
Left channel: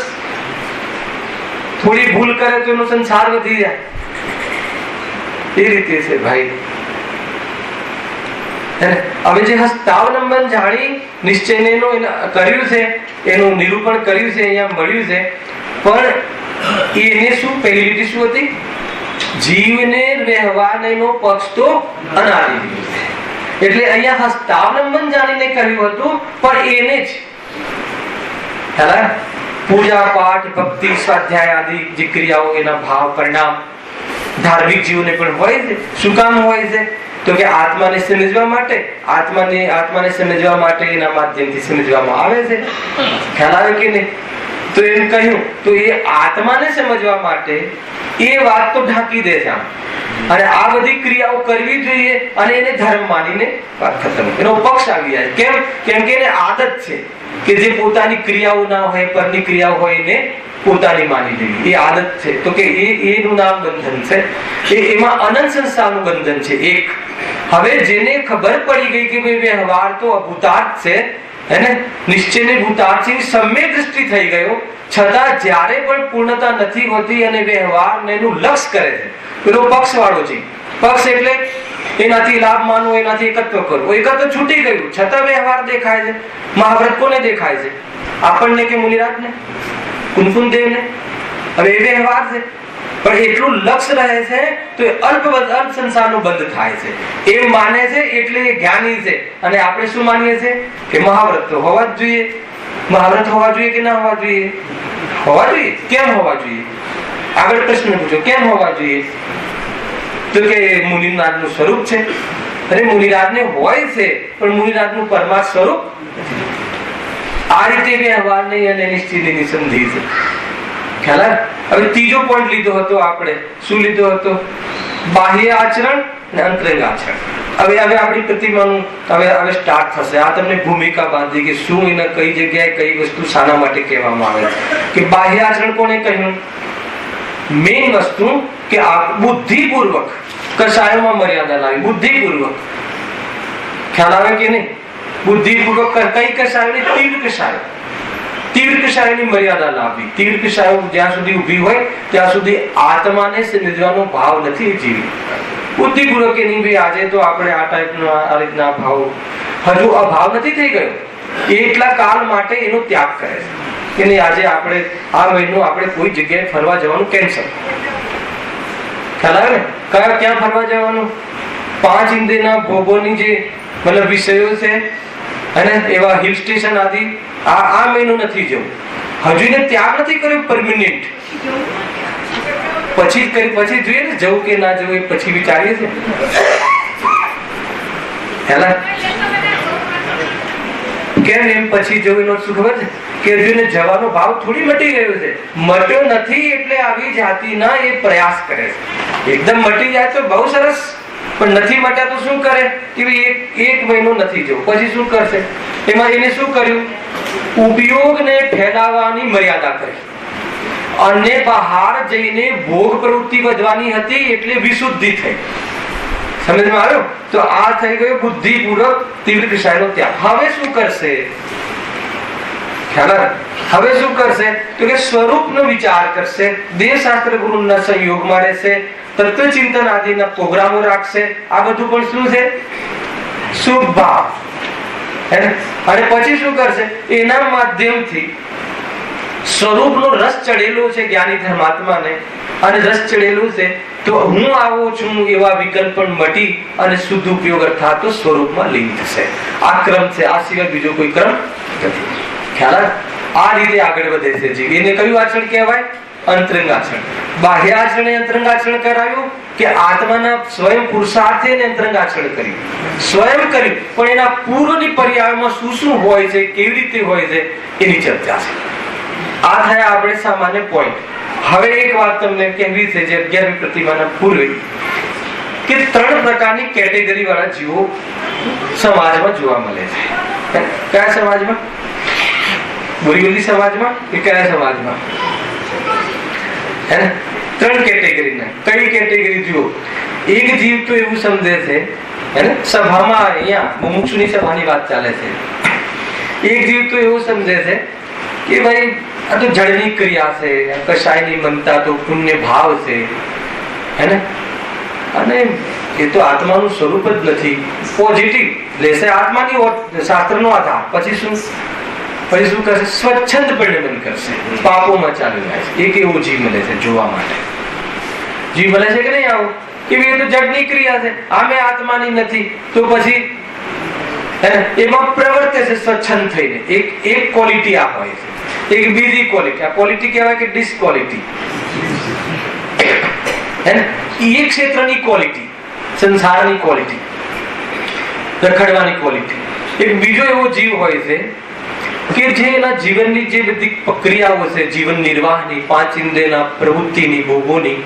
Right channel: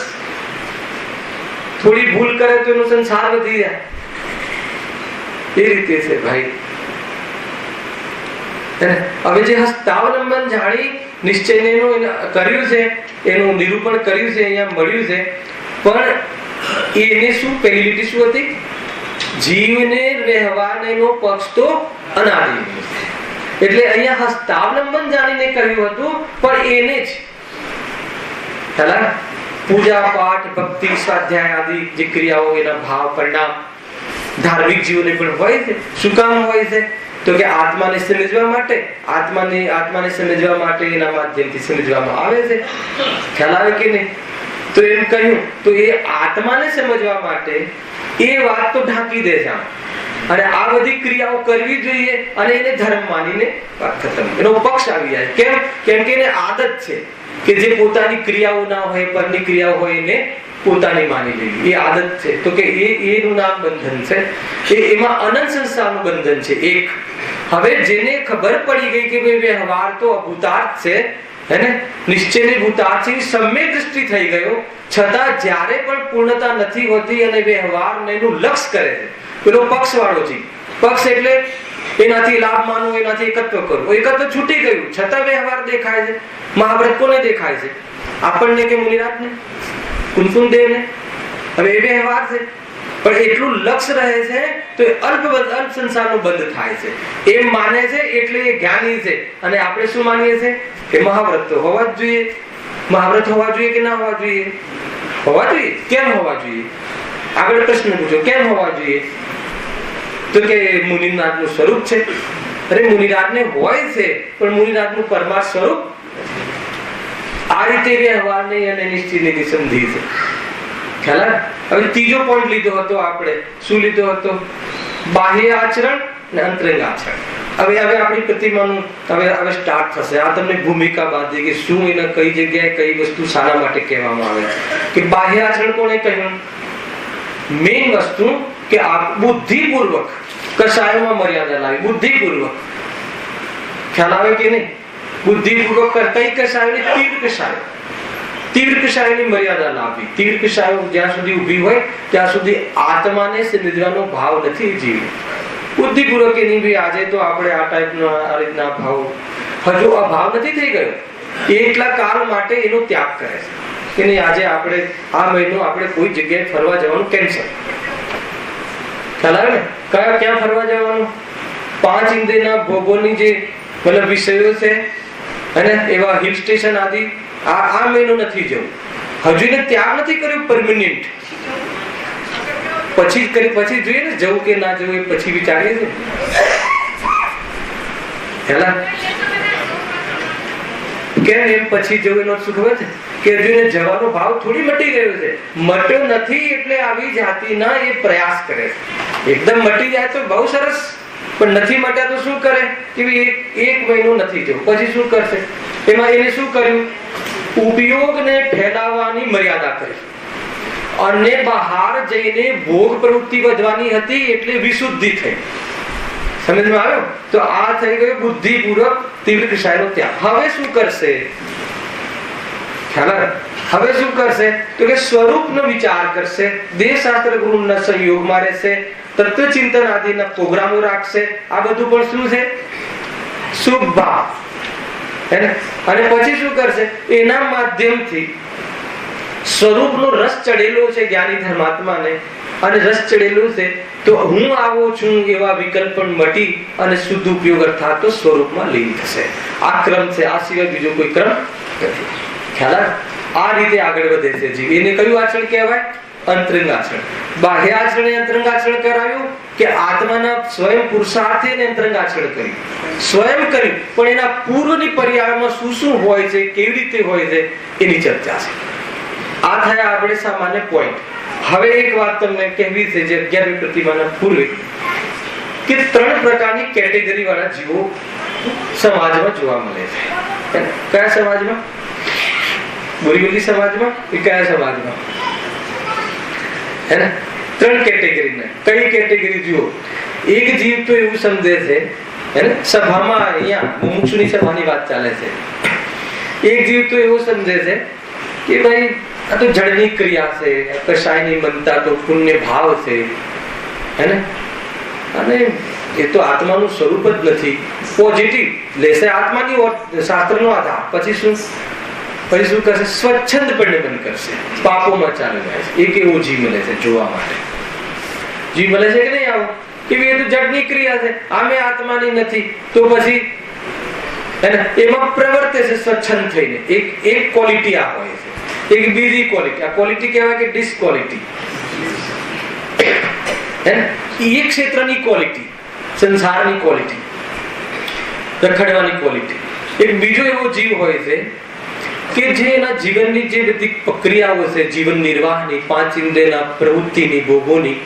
થોડી ભૂલ કરે તો એનો સંસાર વધી જાય. એ રીતે છે ભાઈ. હવે જે હસ્તાવલંબન જાણી નિશ્ચયને કર્યું છે, એનું નિરૂપણ કર્યું છે, અહીંયા મળ્યું છે. પણ એને શું પહેલી લીટી શું હતી? જીવને વ્યવહારનો પક્ષ તો અનાદિ. એટલે અહીંયા હસ્તાવલંબન જાણીને કહ્યું હતું, પણ એને જ પૂજા પાઠ ભક્તિ સ્વાધ્યાય આદિ જે ક્રિયાઓ એના ભાવ પરિણામ ધાર્મિક જીવને પણ હોય છે. શું કામ હોય છે? તો કે આત્માને સમજવા માટે, આત્માને સમજવા માટે એના માધ્યમથી સમજવામાં આવે છે. ખ્યાલ આવે કે નહીં? તો એમ કહ્યું તો એ આત્માને સમજવા માટે એ વાત તો ઢાંકી દે છે અને આ બધી ક્રિયાઓ કરવી જોઈએ અને એને ધર્મ માનીને વાત ખતમ. એનો પક્ષ આવી જાય. કેમ? કેમ કે એને આદત છે કે જે પોતાની ક્રિયાઓ ના હોય, પરની ક્રિયાઓ હોય એને પોતાની માની લેવી. એ આદત છે. તો કે એનું નામ બંધન છે. એમાં અનંત સંસારનું બંધન છે એક. હવે જેને ખબર પડી ગઈ કે ભાઈ વ્યવહાર તો અભૂતાર્થ છે, હેને, નિશ્ચયની ભૂતાર્થ છે, સમ્યક દૃષ્ટિ થઈ ગયો, છતાં જ્યારે પણ પૂર્ણતા નથી હોતી અને વ્યવહાર એનું લક્ષ કરે છે, પેલો પક્ષ વાળો છે. પક્ષ એટલે એનાથી લાભ માનવો, એનાથી એકત્વ કરવું. એકત્વ છૂટી ગયું છતાં વ્યવહાર દેખાય છે. મહાવ્રત કોને દેખાય છે? આપણને કે મુનિરાજને, કુનકુનદેવને? હવે એ વ્યવહાર છે. પણ એટલું લક્ષ રહે છે તો એ અલ્પ સંસારનો બંધ થાય છે એમ માને છે. એટલે એ જ્ઞાની છે. અને આપણે શું માનીએ છીએ કે મહાવ્રત તો હોવા જ જોઈએ. મહાવ્રત હોવા જોઈએ કે ના હોવા જોઈએ? હોવા જોઈએ. કેમ હોવા જોઈએ? આગળ પ્રશ્ન પૂછો, કેમ હોવા જોઈએ? તો કે મુનિનાથનું સ્વરૂપ છે. અરે મુનિરાજને હોય છે પણ મુનિરાજનું પરમાર્થ સ્વરૂપ. આ રીતે વ્યવહારને અને નિશ્ચયની સંધિ છે. ખ્યાલ આવે? હવે ત્રીજો પોઈન્ટ લીધો હતો આપણે. શું લીધો હતો? બાહ્ય આચરણ અને અંતરંગ આચરણ. હવે આપણી પ્રતિમાનું હવે સ્ટાર્ટ થશે. આ તમને ભૂમિકા બાંધી કે શું એને કઈ જગ્યાએ કઈ વસ્તુ શાના માટે કહેવામાં આવે કે બાહ્ય આચરણ. કોને કહ્યું? મેઇન વસ્તુ કે બુદ્ધિપૂર્વક કશાયોમાં મર્યાદા લાવી. બુદ્ધિપૂર્વક. ખ્યાલ આવે કે નહીં? બુદ્ધિપૂર્વક કઈ કશાયોની? તીવ્ર કશાયો. તીવ્ર કશાયોની મર્યાદા લાવવી. તીવ્ર કશાયો જ્યાં સુધી ઉભી હોય ત્યાં સુધી આત્માને સમજવાનો ભાવ નથી જીવી. બુદ્ધિપૂર્વક કે નહીં ભાઈ આજે તો આપણે આ ટાઈપનો આ રીતના ભાવ હજુ અભાવ નથી થઈ ગયો, એટલા કાળ માટે એનો ત્યાગ કરે છે કે નહીં આજે આપણે આ મહિનો આપણે કોઈ જગ્યાએ ફરવા જવાનું કેન્સલ. ખ્યાલ આવે ને? ક્યાં ફરવા જવાનું? 5 ઇન્દ્રિયના ભોગોની જે મતલબ વિષયો છે અને એવા હિલ સ્ટેશન આદિ આ મહિનો નથી જવું. હજુ એને ત્યાગ નથી કર્યો પરમિનન્ટ. પછી જોઈએ ને જવું કે ના જવું, પછી વિચારીએ છીએ. કેમ એમ પછી જવું? એનો શું ખબર છે કે હજુ એને જવાનો ભાવ થોડી મટી ગયો છે. મટ્યો નથી એટલે આવી જાતિના એ પ્રયાસ કરે છે. એકદમ મટી જાય તો બહુ સરસ, પણ નથી મટ્યા તો શું કરે કે એક મહિનો નથી જવું. પછી શું કરશે? એમાં એને શું કર્યું? ઉપયોગને ફેલાવવાની મર્યાદા કરી અને બહાર જઈને ભોગ પ્રવૃત્તિ વધવાની હતી એટલે વિશુદ્ધિ થઈ. સમજમાં આવ્યો? તો આ થઈ ગયો બુદ્ધિપૂર્વક તીવ્ર કશાયનો ત્યાગ. હવે શું કરશે? ખ્યાલ? હવે શું કરશે? તો કે સ્વરૂપનો વિચાર કરશે, દેહશાસ્ત્ર ગુરુના સંયોગમાં રહેશે, તત્વચિંતન આદિના પ્રોગ્રામો રાખશે. આ બધું પણ શું છે? શુભ ભાવ. અને પછી શું કરશે? એના માધ્યમથી સ્વરૂપનો રસ ચડેલો છે જ્ઞાની ધર્માત્માને અને રસ ચડેલું છે તો હું આવો છું એવા વિકલ્પ પણ મટી અને શુદ્ધ ઉપયોગ અર્થાત તો સ્વરૂપમાં લીન થશે. આ ક્રમ છે, આ સિવાય બીજો કોઈ ક્રમ નથી. ખ્યાલ આ રીતે આગળ વધે છે જીવ. એને કયું આચરણ કહેવાય? અંતરંગ આચરણ. બાહ્ય આચરણે અંતરંગ આચરણ કરાવ્યું કે આત્માના સ્વયં પુરુષાર્થે અંતરંગ આચરણ કર્યું, સ્વયં કર્યું, પણ એના પૂર્વની પર્યાયમાં શું શું હોય છે, કેવી રીતે હોય છે એની ચર્ચા છે. આ થયા આપણે સામાન્ય પોઈન્ટ. હવે એક વાત તમને કહેવી છે જે 11મી પ્રતિમાના પૂર્વે, કે 3 પ્રકારની કેટેગરી વાળા જીવો સમાજમાં જોવા મળે છે. કયા સમાજમાં? બોરીવલી સમાજમાં કે કયા સમાજમાં? હે ને 3 કેટેગરીના. કઈ કેટેગરી જુઓ? એક જીવ તો એવું સમજે છે, હે ને, સભામાં અહીંયા મુમુક્ષુની સભાની વાત ચાલે છે. એક જીવ તો એવું સમજે છે કે ભાઈ આ તો જળની ક્રિયા છે, કશાયની મનતા તો પુણ્ય ભાવ છે, હે ને, અને એ તો આત્માનું સ્વરૂપ જ નથી. પોઝિટિવ લેશે આત્માની શાસ્ત્રનો આધાર, પછી શું કરશે? સ્વચ્છંદપણે મન કરશે, પાપોમાં ચાલી જાય છે. એક એવો જીવ મળે છે જોવા માટે. જીવ મળે છે કે નહીં? આવો કે એ તો જળની ક્રિયા છે, આમે આત્માની નથી, તો પછી એમાં પ્રવર્તે છે સ્વચ્છંદ થઈને. એક ક્વોલિટી આ હોય છે. એક બીજી ક્વોલિટી, આ ક્વોલિટી કહેવાય કે ડિસક્વોલિટી, હે ને, એક ક્ષેત્રની ક્વોલિટી, સંસારની ક્વોલિટી, રખડવાની ક્વોલિટી. એક બીજો એવો જીવ હોય છે કે જે એના જીવનની જે બધી પ્રક્રિયાઓ છે, જીવન નિર્વાહની, 5 ઇન્દ્રિયના પ્રવૃત્તિની, ભોગોની,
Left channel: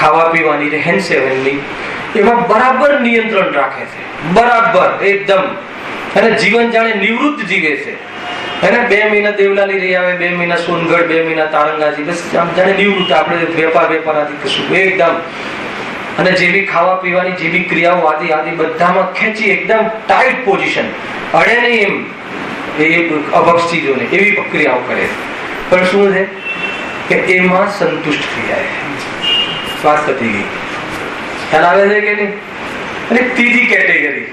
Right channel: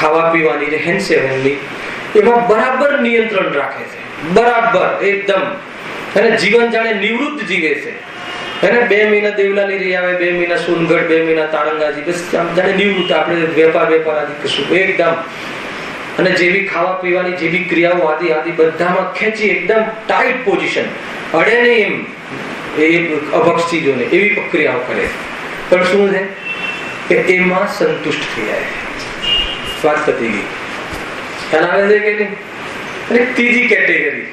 ખાવા પીવાની, રહેન સહેનની, એમાં બરાબર નિયંત્રણ રાખે છે. બરાબર એકદમ, અને જીવન જાણે નિવૃત્ત જીવે છે. એને 2 મહિના દેવલાલી રહી આવે, 2 મહિના સોનગઢ, 2 મહિના તારંગાજી, બસ આમ જાણે નિવૃત્ત. આપણે વેપાર આદિ કશું એકદમ, અને જેવી ખાવા પીવાની જેવી ક્રિયાઓ આદિ બધામાં ખેંચી એકદમ ટાઈટ પોઝિશન, અડે નહીં એમ એ અભક્ષ ચીજોને, એવી પ્રક્રિયાઓ કરે. પણ શું છે કે એમાં સંતુષ્ટ થઈ જાય છે. વાત પતી ગઈ. ખ્યાલ આવે છે કે નહીં? અને ત્રીજી કેટેગરી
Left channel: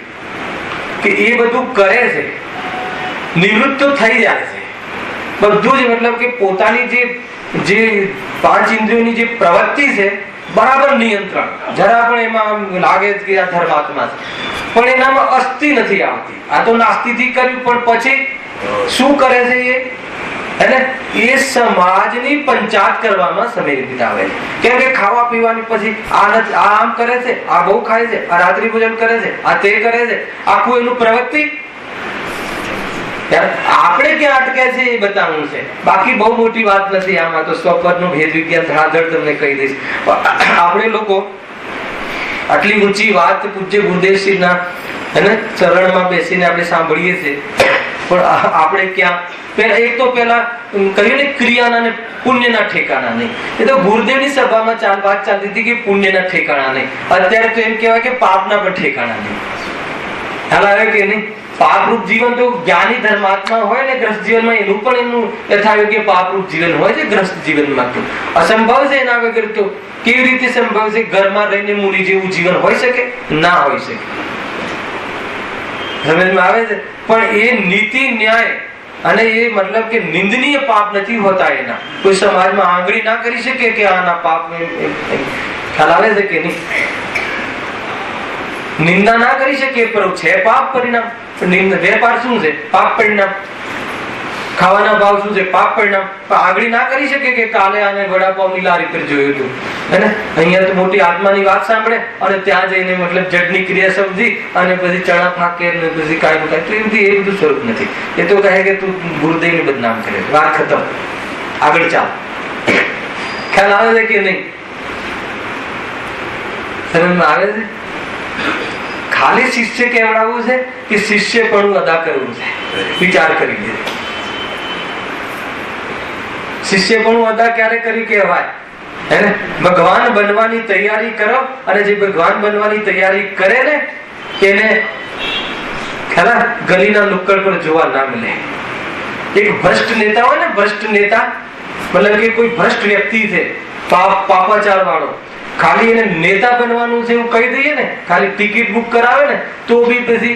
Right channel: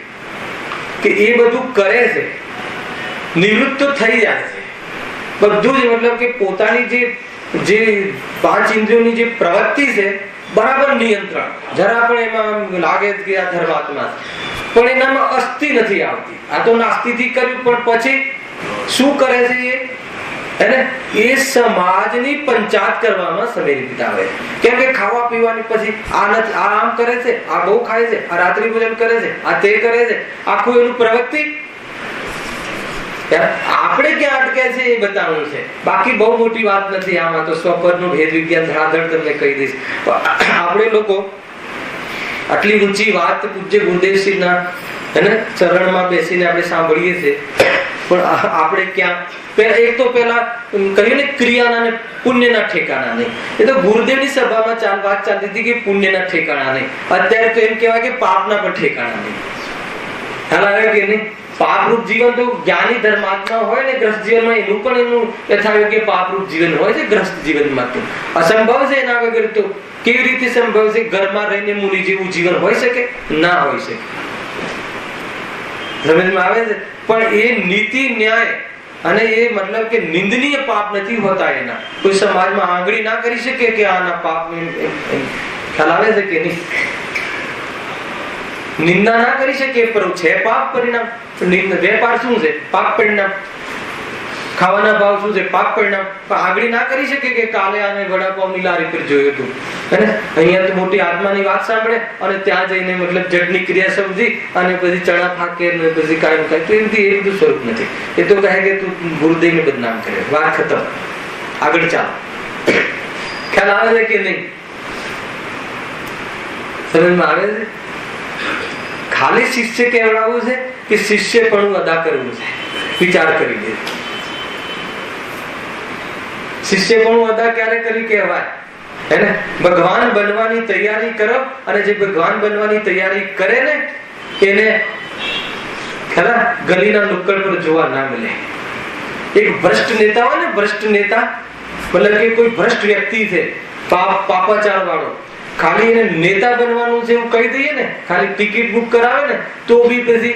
કે એ બધું કરે છે, નિવૃત્ત તો થઈ જાય છે બધું જ, મતલબ કે પોતાની જે 5 ઇન્દ્રિયોની જે પ્રવૃત્તિ છે બરાબર નિયંત્રણ, જરા પણ એમાં લાગે કે આ ધર્માત્મા છે, પણ એનામાં અસ્થિ નથી આવતી. આ તો નાસ્તિથી કર્યું, પણ પછી શું કરે છે એ સમાજની પંચાયત કરવામાં સમય વિતાવે છે. કેમ કે ખાવા પીવાની પછી આ આમ કરે છે, આ બહુ ખાય છે, આ રાત્રિ ભોજન કરે છે, આ તે કરે છે, આખું એનું પ્રવૃત્તિ. આપણે ક્યાં અટકે છે એ બતાવવું છે, બાકી બહુ મોટી વાત નથી. આમાં તો સ્વપદનો ભેદ વિજ્ઞાન ધડાધડ તમને કહી દઈશ. આપણે લોકો આટલી ઊંચી વાત પૂજ્ય ગુરુદેવશ્રીના ચરણમાં બેસીને આપણે સાંભળીએ છીએ, પણ આપણે ક્યાં એક તો પેલા કહ્યું ને ક્રિયાના ને પુણ્યના ઠેકાણા નહીં. એ તો ગુરુદેવની સભામાં વાત ચાલતી હતી કે પુણ્યના ઠેકાણા નહીં. અત્યારે તો એમ કહેવાય કે પાપના પણ ઠેકાણા નહીં. ખ્યાલ આવે કે નહીં? પાપરૂપ જીવન તો જ્ઞાની ધર્માત્મા હોય ને, ગ્રસ્ત જીવનમાં એનું પણ એનું યથાયોગ્ય પાપરૂપ જીવન હોય છે. ગ્રસ્ત જીવનમાં તો અસંભવ છે. એના વગર તો કેવી રીતે સંભવ છે? ઘરમાં રહીને મુનિ જેવું જીવન હોય શકે? ના હોય શકે. સમજમાં આવે છે? પણ એ નીતિ ન્યાય અને એ મતલબ કે નિંદનીય પાપ નથી હોતા. એના કોઈ સમાજમાં આંગળી ના કરી શકે કે આના પાપ. ખ્યાલ આવે છે કે નહીં? નિંદા ના કરી શકે, પણ છે પાપ પરિણામ. વેપાર શું છે? પાપ પરિણામ. ખાવાના ભાવ શું છે? પાપ પરિણામ. આગળ ના કરી શકે કે કાલે આને વડાપાવની લારી પર જોયું હતું, અને અહીંયા તો મોટી આત્માની વાત સાંભળે અને ત્યાં જઈને મતલબ જડની ક્રિયા સમજી અને પછી ચણા ફાકે ને પછી કાંઈ થાય. તો એ બધું સ્વરૂપ નથી. એ તો કહે કે તું ગુરુદેવને બદનામ કરે. વાત ખતમ, આગળ ચાલ. ખ્યાલ આવે છે કે નહીં? સમજમાં આવે છે? ખાલી શિષ્ય કહેવડાવવું છે કે શિષ્યપણું અદા કરવું છે? વિચાર કરી દે. શિષ્યપણું અદા ક્યારે કરી કહેવાય? હે, ભગવાન બનવાની તૈયારી કરો, અને જે ભગવાન બનવાની તૈયારી કરે ને એને ખરા ગલીના નુક્કડ પર જોવા ના મળે. એક ભ્રષ્ટ નેતા હોય ને, ભ્રષ્ટ નેતા મતલબ કે કોઈ ભ્રષ્ટ વ્યક્તિ છે, પાપાચાર વાળો, ખાલી એને નેતા બનવાનું છે એવું કહી દઈએ ને, ખાલી ટિકિટ બુક કરાવે ને તો બી પછી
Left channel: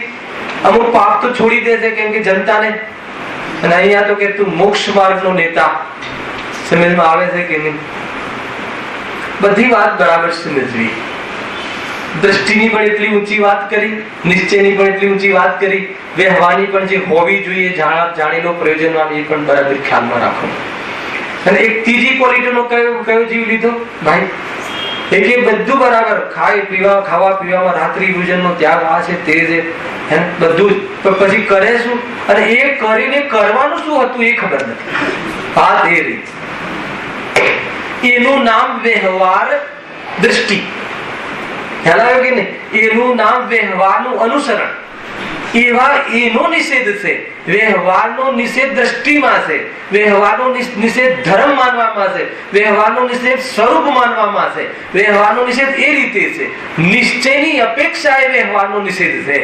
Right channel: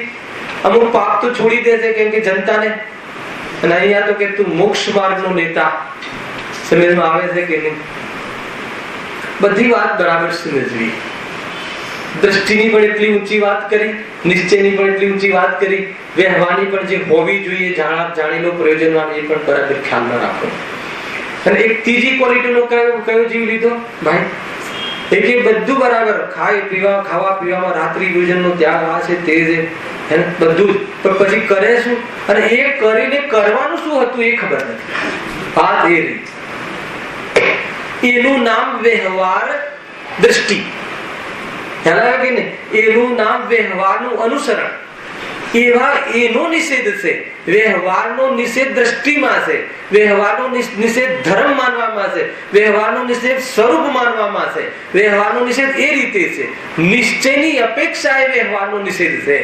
અમુક પાપ તો છોડી દેશે, કેમ કે જનતાને. અને અહીંયા તો કે તું મોક્ષ માર્ગનો નેતા. સમજમાં આવે છે કે નહીં? બધી વાત બરાબર સમજવી. દ્રષ્ટિની પણ એટલી ઊંચી વાત કરી, નિશ્ચયની પણ એટલી ઊંચી વાત કરી, વ્યવહારની પણ જે હોવી જોઈએ જાણીનો પ્રયોજન એ પણ બરાબર ખ્યાલમાં રાખો. અને એક ત્રીજી ક્વોલિટીનો કયો જીવ લીધો ભાઈ? એક એ બધું બરાબર ખાવા પીવામાં રાત્રિ ભોજનનો ત્યાગ આ છે તે છે બધું, પછી કરે શું? અને એ કરીને કરવાનું શું હતું એ ખબર નથી. વાત એ રીત, એનું નામ વ્યવહાર દ્રષ્ટિ. ખ્યાલ આવ્યો કે નહીં? એનું નામ વ્યવહારનું અનુસરણ. એવા એનો નિષેધ છે. વ્યવહારનો નિષેધ દ્રષ્ટિમાં છે, વ્યવહારનો નિષેધ ધર્મ માનવામાં છે, વ્યવહારનો નિષેધ સ્વરૂપ માનવામાં છે, વ્યવહારનો નિષેધ એ રીતે છે. નિશ્ચયની અપેક્ષા એ વ્યવહારનો નિષેધ છે.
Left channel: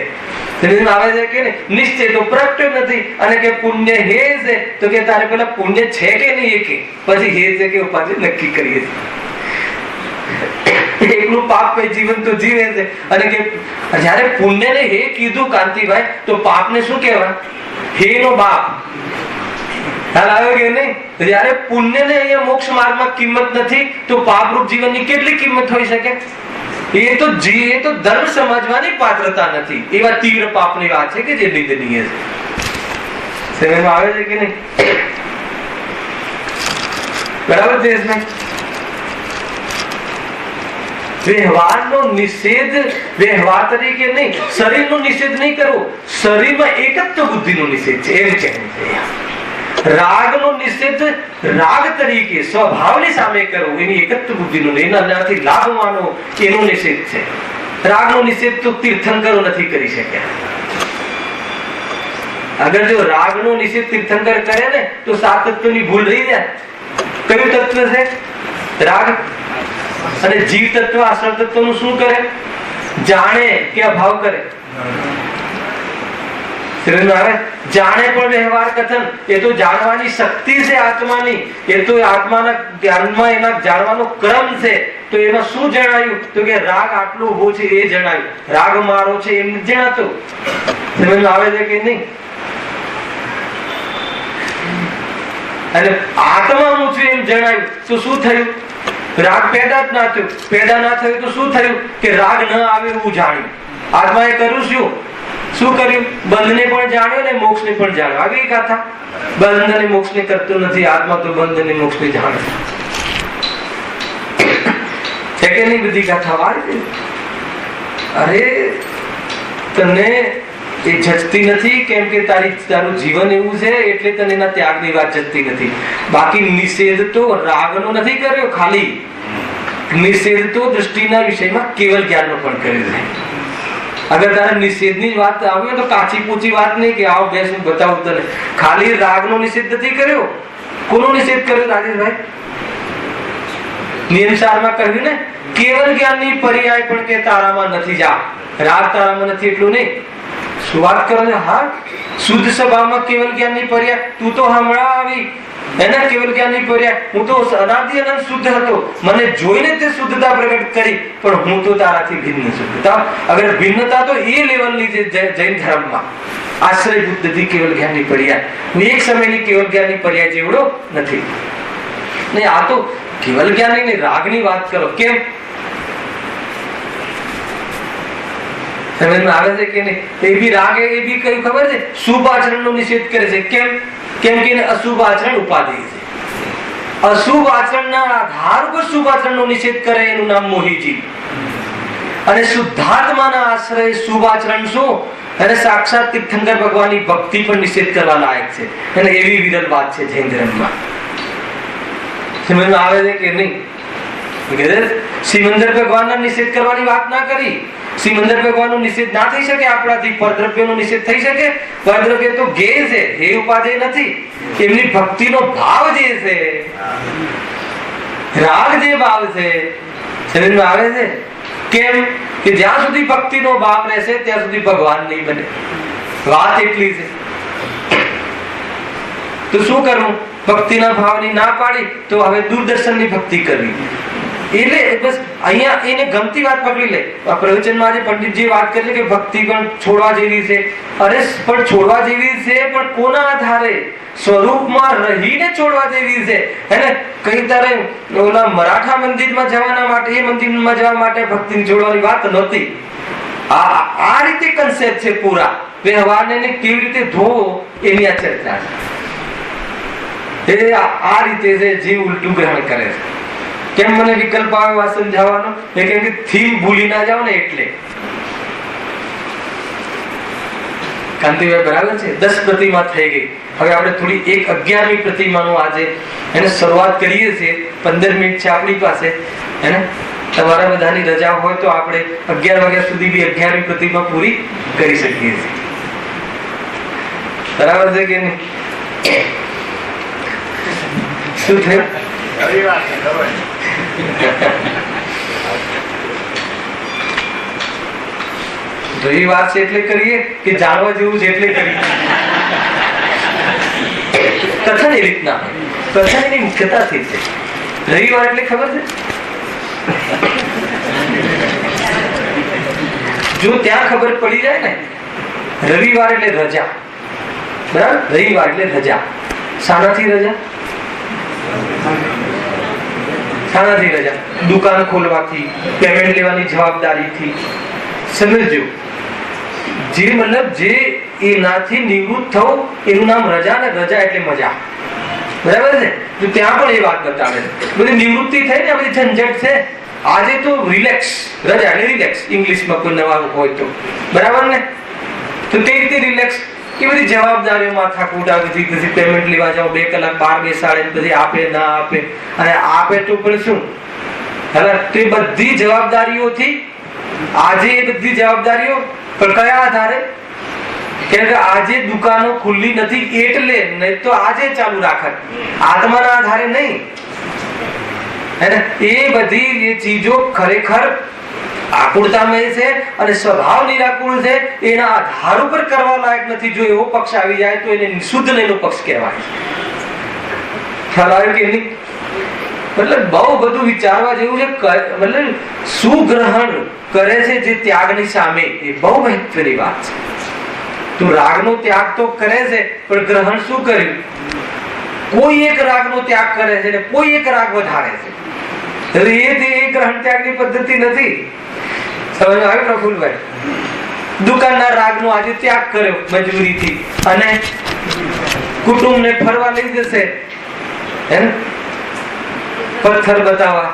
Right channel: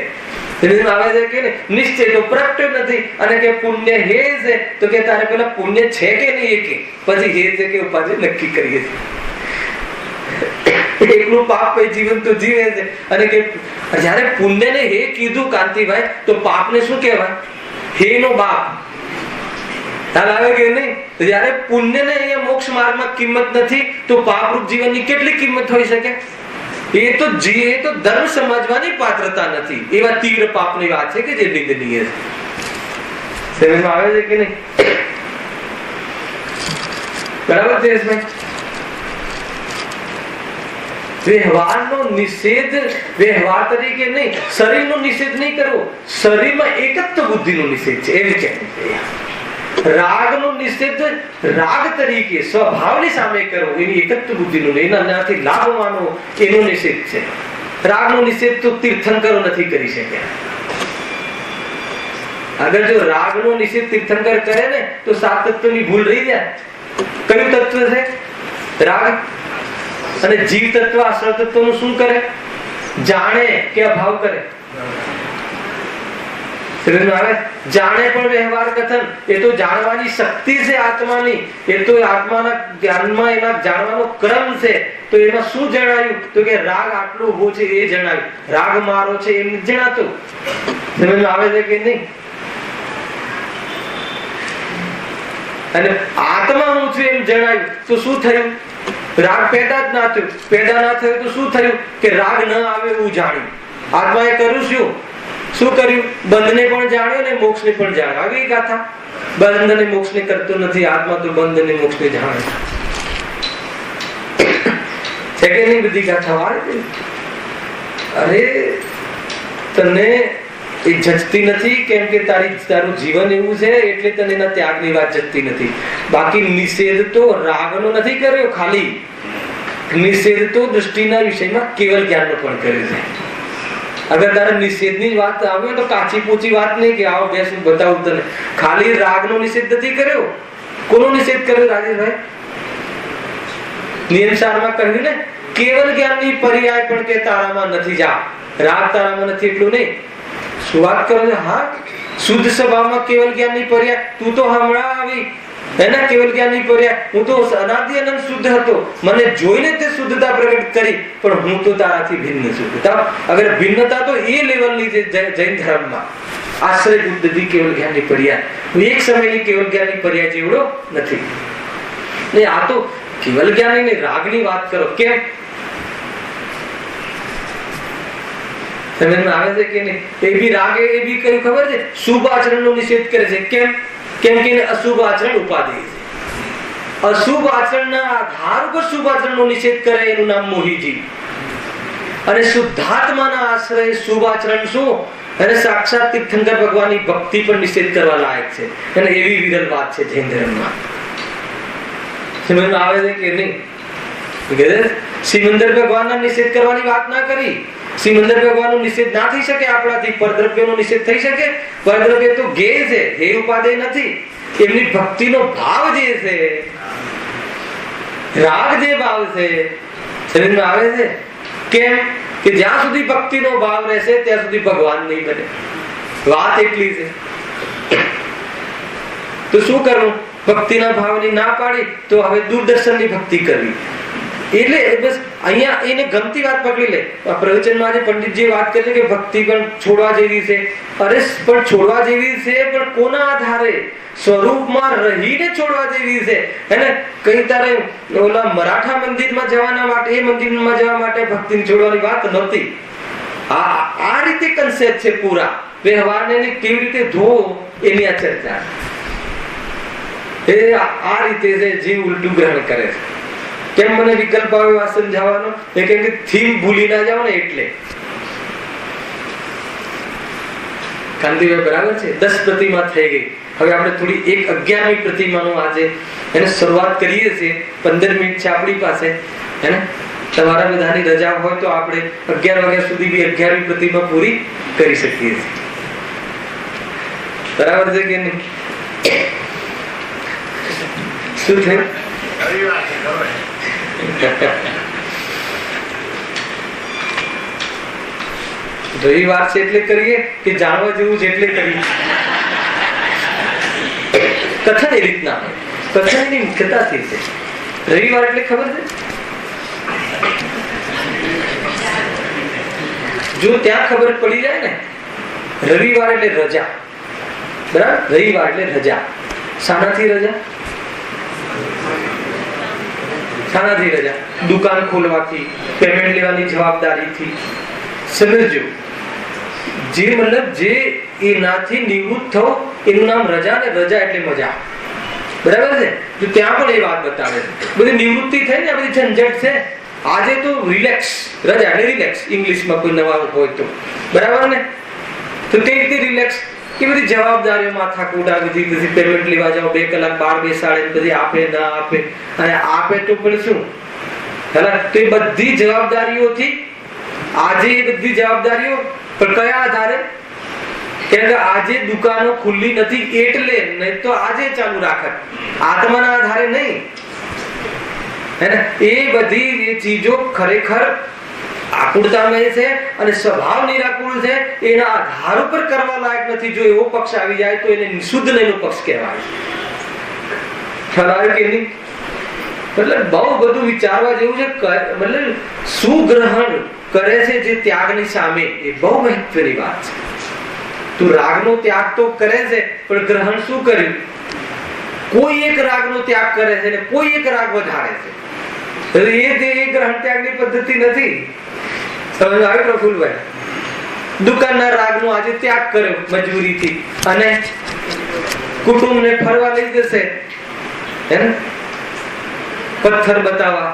આવે છે કે નિશ્ચય તો પ્રગટ નથી, અને કે પુણ્ય હે છે તો કે તારે પેલા પુણ્ય છે કે નહીં, કે પછી હે છે કે ઉપાધિ નક્કી કરીએ છીએ. એકલું પાપ કઈ જીવન તો જીવે છે. અને કે જયારે પુણ્ય ને હે કીધું કાંતિભાઈ, તો પાપ ને શું કહેવાય? હે નો બાપ. ખ્યાલ આવ્યો કે નહીં? જયારે પુણ્ય ને અહીંયા મોક્ષ માર્ગમાં કિંમત નથી, તો પાપરૂપ જીવનની કેટલી કિંમત હોઈ શકે? એ તો ધર્મ સમજવાની પાત્રતા નથી. એવા તીવ્ર પાપની વાત છે કે જે નિંદનીય છે. સમજમાં આવે છે કે નહીં? બરાબર છે. વ્યવહારનો નિષેધ વ્યવહાર તરીકે નહીં, શરીરનો નિષેધ નહીં કરવો. શરીરમાં એકત્વ બુદ્ધિનો નિષેધ છે, એમ કહેવું છે. રાગનો નિષેધ રાગ તરીકે સ્વભાવની સામે કરવો, એની એકત્વ બુદ્ધિનો, એનાથી લાભ માનવો, એનો નિષેધ છે. રાગનો નિષેધ તો તીર્થંકરો નથી કરી શક્યા. અગર જો રાગનો નિષેધ તીર્થંકર કરે ને તો 7 તત્વની ભૂલ રહી જાય. કયું તત્વ છે? રાગ. અને જીવ તત્વ આશ્રવ તત્વ નું શું કરે? જાણે કે અભાવ કરે. જાણે પણ વ્યવહાર કથન, એ તો જાણવાની શક્તિ છે આત્માની, એ તો આત્માના જ્ઞાનમાં એના જાણવાનો ક્રમ છે. તો એમાં શું જણાયું? તો કે રાગ આટલો ઉભો છે એ જણાયું, રાગ મારો છે એમ જણાતું. સમજમાં આવે છે કે નહીં? અને આત્મા હું છું એમ જણાયું તો શું થયું? રાગ પેદા જ ના થયું. પેદા ના થયું તો શું થયું? કે રાગ ન આવે એવું જાણ્યું. આત્માએ કર્યું શું કર્યું? બંધને પણ જાણ્યો ને મોક્ષને પણ જાણ્યો. આવી ગાથા. બંધ અને મોક્ષને કરતો નથી, આત્મા તો બંધ અને મોક્ષને જાણે છે કે નહીં? બધી ગાથા વાળી. અરે તને એ જચતી નથી, કેમ કે તારું જીવન એવું છે એટલે તને એના ત્યાગની વાત જચતી નથી. બાકી નિષેધ તો રાગનો નથી કર્યો ખાલી, નિષેધ તો દૃષ્ટિના વિષયમાં કેવલ જ્ઞાનનો પણ કર્યો છે. અગર તારે નિષેધની વાત આવે તો કાચી પૂચી વાત નહીં કે આવો બેસ હું બતાવું તને. ખાલી રાગનો નિષેધ નથી કર્યો. કોનો નિષેધ કર્યો રાજેશભાઈ? નિયમસારમાં કહ્યું ને, કેવલ જ્ઞાનની પર્યાય પણ કે તારામાં નથી. જા રાગ તારામાં નથી એટલું નહીં. શું વાત કરો છો? હા, શુદ્ધ સ્વભાવમાં કેવલ જ્ઞાનની પર્યાય. તું તો હમણાં આવી એના કેવલ જ્ઞાનની પર્યાય. હું તો અનાદિ અનંત શુદ્ધ હતો, મને જોઈને તે શુદ્ધતા પ્રગટ કરી, પણ હું તો તારાથી ભિન્ન શુદ્ધતા. અગર ભિન્નતા તો એ લેવલની છે જૈન ધર્મમાં. આશ્રય બુદ્ધિ કેવલ જ્ઞાનની પર્યાય. એક સમયની કેવલ જ્ઞાનની પર્યાય જેવડો નથી. નહીં, આ તો કેવલ જ્ઞાનની રાગની વાત કરો. કેમ? સમજમાં આવે છે કે નહીં? એ બી રાગ, એ બી કયું ખબર છે? શુભ આચરણનો નિષેધ કરે છે. કેમ કે અશુભ આચરણ ઉપાધિ છે. અશુભ આચરણના આધાર ઉપર શુભ આચરણનો નિષેધ કરે, એનું નામ મોહીજી. અને શુદ્ધાત્માના આશ્રય શુભ આચરણ શું? અને સાક્ષાત તીર્થંકર ભગવાનની ભક્તિ પણ નિષેધ કરવા લાયક છે. અને એવી વિરલ વાત છે જૈન ધર્મમાં. સમજમાં આવે છે કે નહીં? સિમંદર ભગવાનના નિષેધ કરવાની વાત ના કરી. સિમંદર ભગવાનનો નિષેધ ના થઈ શકે આપણાથી. પરદ્રવ્યનો નિષેધ થઈ શકે? પરદ્રવ્ય તો ગેય છે, હે ઉપાદેય નથી. એમની ભક્તિનો ભાવ જે છે, રાગ જે ભાવ છે, સમજમાં આવે છે? કેમ કે જ્યાં સુધી ભક્તિનો ભાવ રહેશે ત્યાં સુધી ભગવાન નહીં બને. વાત એટલી છે. તો શું કરવું? ભક્તિના ભાવની ના પાડી તો હવે દૂરદર્શનની ભક્તિ કરવી. એટલે બસ અહીંયા એને ગમતી વાત પકડી લે. પ્રવચનમાં આજે પંડિતજી વાત કરી કે ભક્તિ પણ છોડવા જેવી છે. અરે પણ છોડવા જેવી છે, પણ કોના આધારે? સ્વરૂપમાં રહીને છોડવા જેવી છે. એને કઈ તારે ઓલા મરાઠા મંદિરમાં જવાના માટે, એ મંદિરમાં જવા માટે ભક્તિ જોડવાની વાત નહોતી. આ રીતે કન્સેપ્ટ છે પૂરા વ્યવહારને કેવી રીતે ધોવો એની આ ચર્ચા છે. આ રીતે છે જીવ ઉલટું ગ્રહણ કરે છે. કેમ મને વિકલ્પ આવ્યો આ સમજાવવાનો? કેમ કે થીમ ભૂલી ના જાવ ને એટલે. કાંતિભાઈ બરાબર છે? 10 પ્રતિમા થઈ ગઈ. હવે આપણે થોડી 11મી પ્રતિમાનું આજે એને શરૂઆત કરીએ છીએ. 15 મિનિટ છે આપણી પાસે. એને તમારા બધાની રજા હોય તો આપણે 11 વાગ્યા સુધી બી 11મી પ્રતિમા પૂરી કરી શકીએ છીએ. બરાબર છે કે નહીં? શું થયું? રવિવાર છે એટલે કરીએ કે જાણવા જેવું છે એટલે કરીએ? કથન એ રીતના હોય. કથન એની મુખ્યતાથી છે. રવિવાર એટલે ખબર છે? જો ત્યાં ખબર પડી જાય ને, રવિવાર એટલે રજા. બરાબર? રવિવાર એટલે રજા. શાનાથી રજા? શાનાથી રજા? દુકાન ખોલવાથી, પેમેન્ટ લેવાની જવાબદારીથી. સમજો, જે મતલબ જે એનાથી નિવૃત્ત થવું એનું નામ રજા, ને રજા એટલે મજા. બરાબર છે? તો ત્યાં પણ એ વાત બતાવે છે. બધી નિવૃત્તિ થઈ ને, આ બધી ઝંઝટ છે. આજે તો રિલેક્સ, રજા એટલે રિલેક્સ, ઇંગ્લિશમાં કોઈ નવા હોય તો. બરાબર ને? તો તે રીતે રિલેક્સ. એ બધી જવાબદારીઓ માથાકૂટ આ બધી, પછી પેમેન્ટ લેવા જાઓ, 2 કલાક બહાર બેસાડે, પછી આપે ના આપે, અને આપે તો પણ શું તે બધી જવાબદારીઓથી આજે એ બધી જવાબદારીઓ પણ કયા આધારે? કે આજે દુકાનો ખુલ્લી નથી એટલે, નહીં તો આજે ચાલુ રાખત. આત્માના આધારે નહીં. હે ને? એ બધી એ ચીજો ખરેખર આકુળતામય છે અને સ્વભાવ નિરાકુળ છે. એના આધાર ઉપર કરવા લાયક નથી. જો એવો પક્ષ આવી જાય તો એને શુદ્ધ નો પક્ષ કહેવાય. ખ્યાલ આવે કે નહીં? મતલબ બહુ બધું વિચારવા જેવું છે. મતલબ સુગ્રહણ કરે છે જે ત્યાગની સામે, એ બહુ મહત્વની વાત છે. તું રાગનો ત્યાગ તો કરે છે, પણ ગ્રહણ શું કર્યું? કોઈ એક રાગનો ત્યાગ કરે છે ને કોઈ એક રાગ વધારે છે. એ ગ્રહણ ત્યાગની પદ્ધતિ નથી. સમજ આવે પ્રફુલભાઈ? દુકાનના રાગનો આજે ત્યાગ કર્યો મજબૂરીથી, અને કુટુંબને ફરવા લઈ જશે, હે ને, પથ્થર બતાવવા.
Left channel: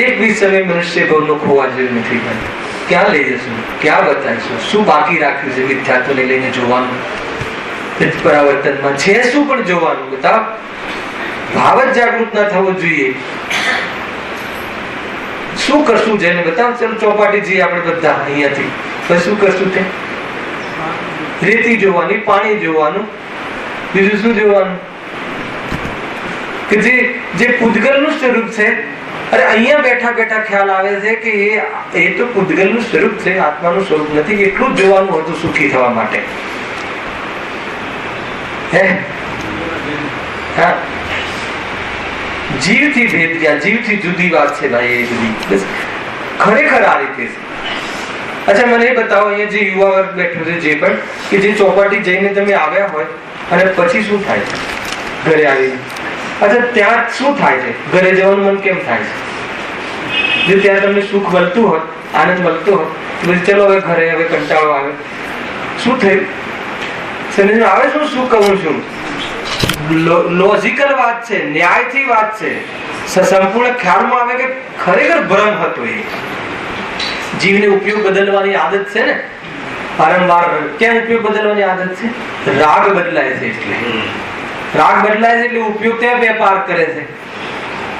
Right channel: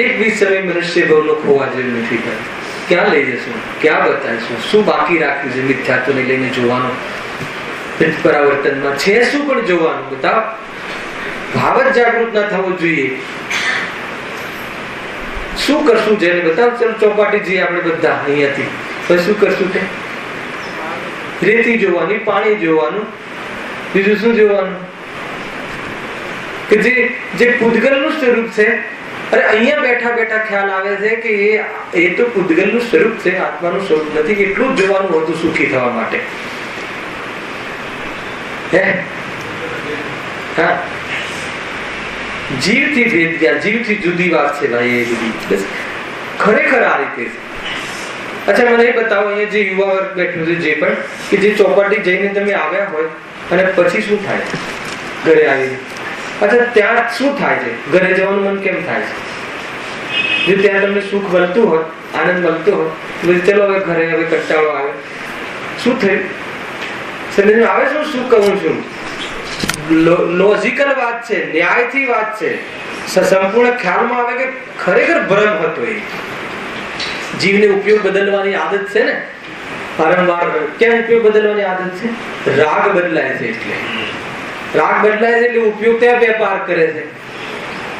એક બી સમય મનુષ્ય ભવનો ખોવા જેવું નથી. ક્યાં લઈ જશું? ક્યાં બતાવીશું? શું બાકી રાખ્યું છે મિથ્યાત્વને લઈને જોવાનું? પરાવર્તનમાં છે શું પણ જોવાનું? બતાવ. ભાવ જ જાગૃત ના થવો જોઈએ. શું કરશું જેને? બતાવ. ચલો ચોપાટી જઈએ આપણે બધા અહીંયાથી. પછી શું કરશું? તે રેતી જોવાની, પાણી જોવાનું, બીજું શું જોવાનું? કે જે પૂતગલનું સ્વરૂપ છે. અરે અહીંયા બેઠા બેઠા ખ્યાલ આવે છે કે એ તો પૂતગલનું સ્વરૂપ છે, આત્માનું સ્વરૂપ નથી. એટલું જ જોવાનું હતું સુખી થવા માટે. હે હા, જીવથી ભેદ ગયા, જીવથી જુદી વાત છે ભાઈ. એ બધી ખરેખર આ રીતે છે. અચ્છા, મને એ બતાવો, અહીંયા જે યુવા વર્ગ બેઠું છે, જે પણ કે જે ચોપાટી જઈને તમે આવ્યા હોય અને પછી શું થાય છે ઘરે આવીને? અચ્છા, ત્યાં શું થાય છે? ઘરે જવાનું મન કેમ થાય છે? જો ત્યાં તમને સુખ મળતું હોય, આનંદ મળતો હોય, પછી ચલો હવે ઘરે, હવે કંટાળો આવે. શું થયું? સમજ આવે શું શું કહું છું? લોજિકલ વાત છે, ન્યાયથી વાત છે. સંપૂર્ણ ખ્યાલમાં આવે કે ખરેખર ભ્રમ હતો. એ જીવને ઉપયોગ બદલવાની આદત છે ને, વારંવાર. કેમ ઉપયોગ બદલવાની આદત છે? રાગ બદલાય છે એટલે. રાગ બદલાય છે એટલે ઉપયોગ ત્યાં વેપાર કરે છે.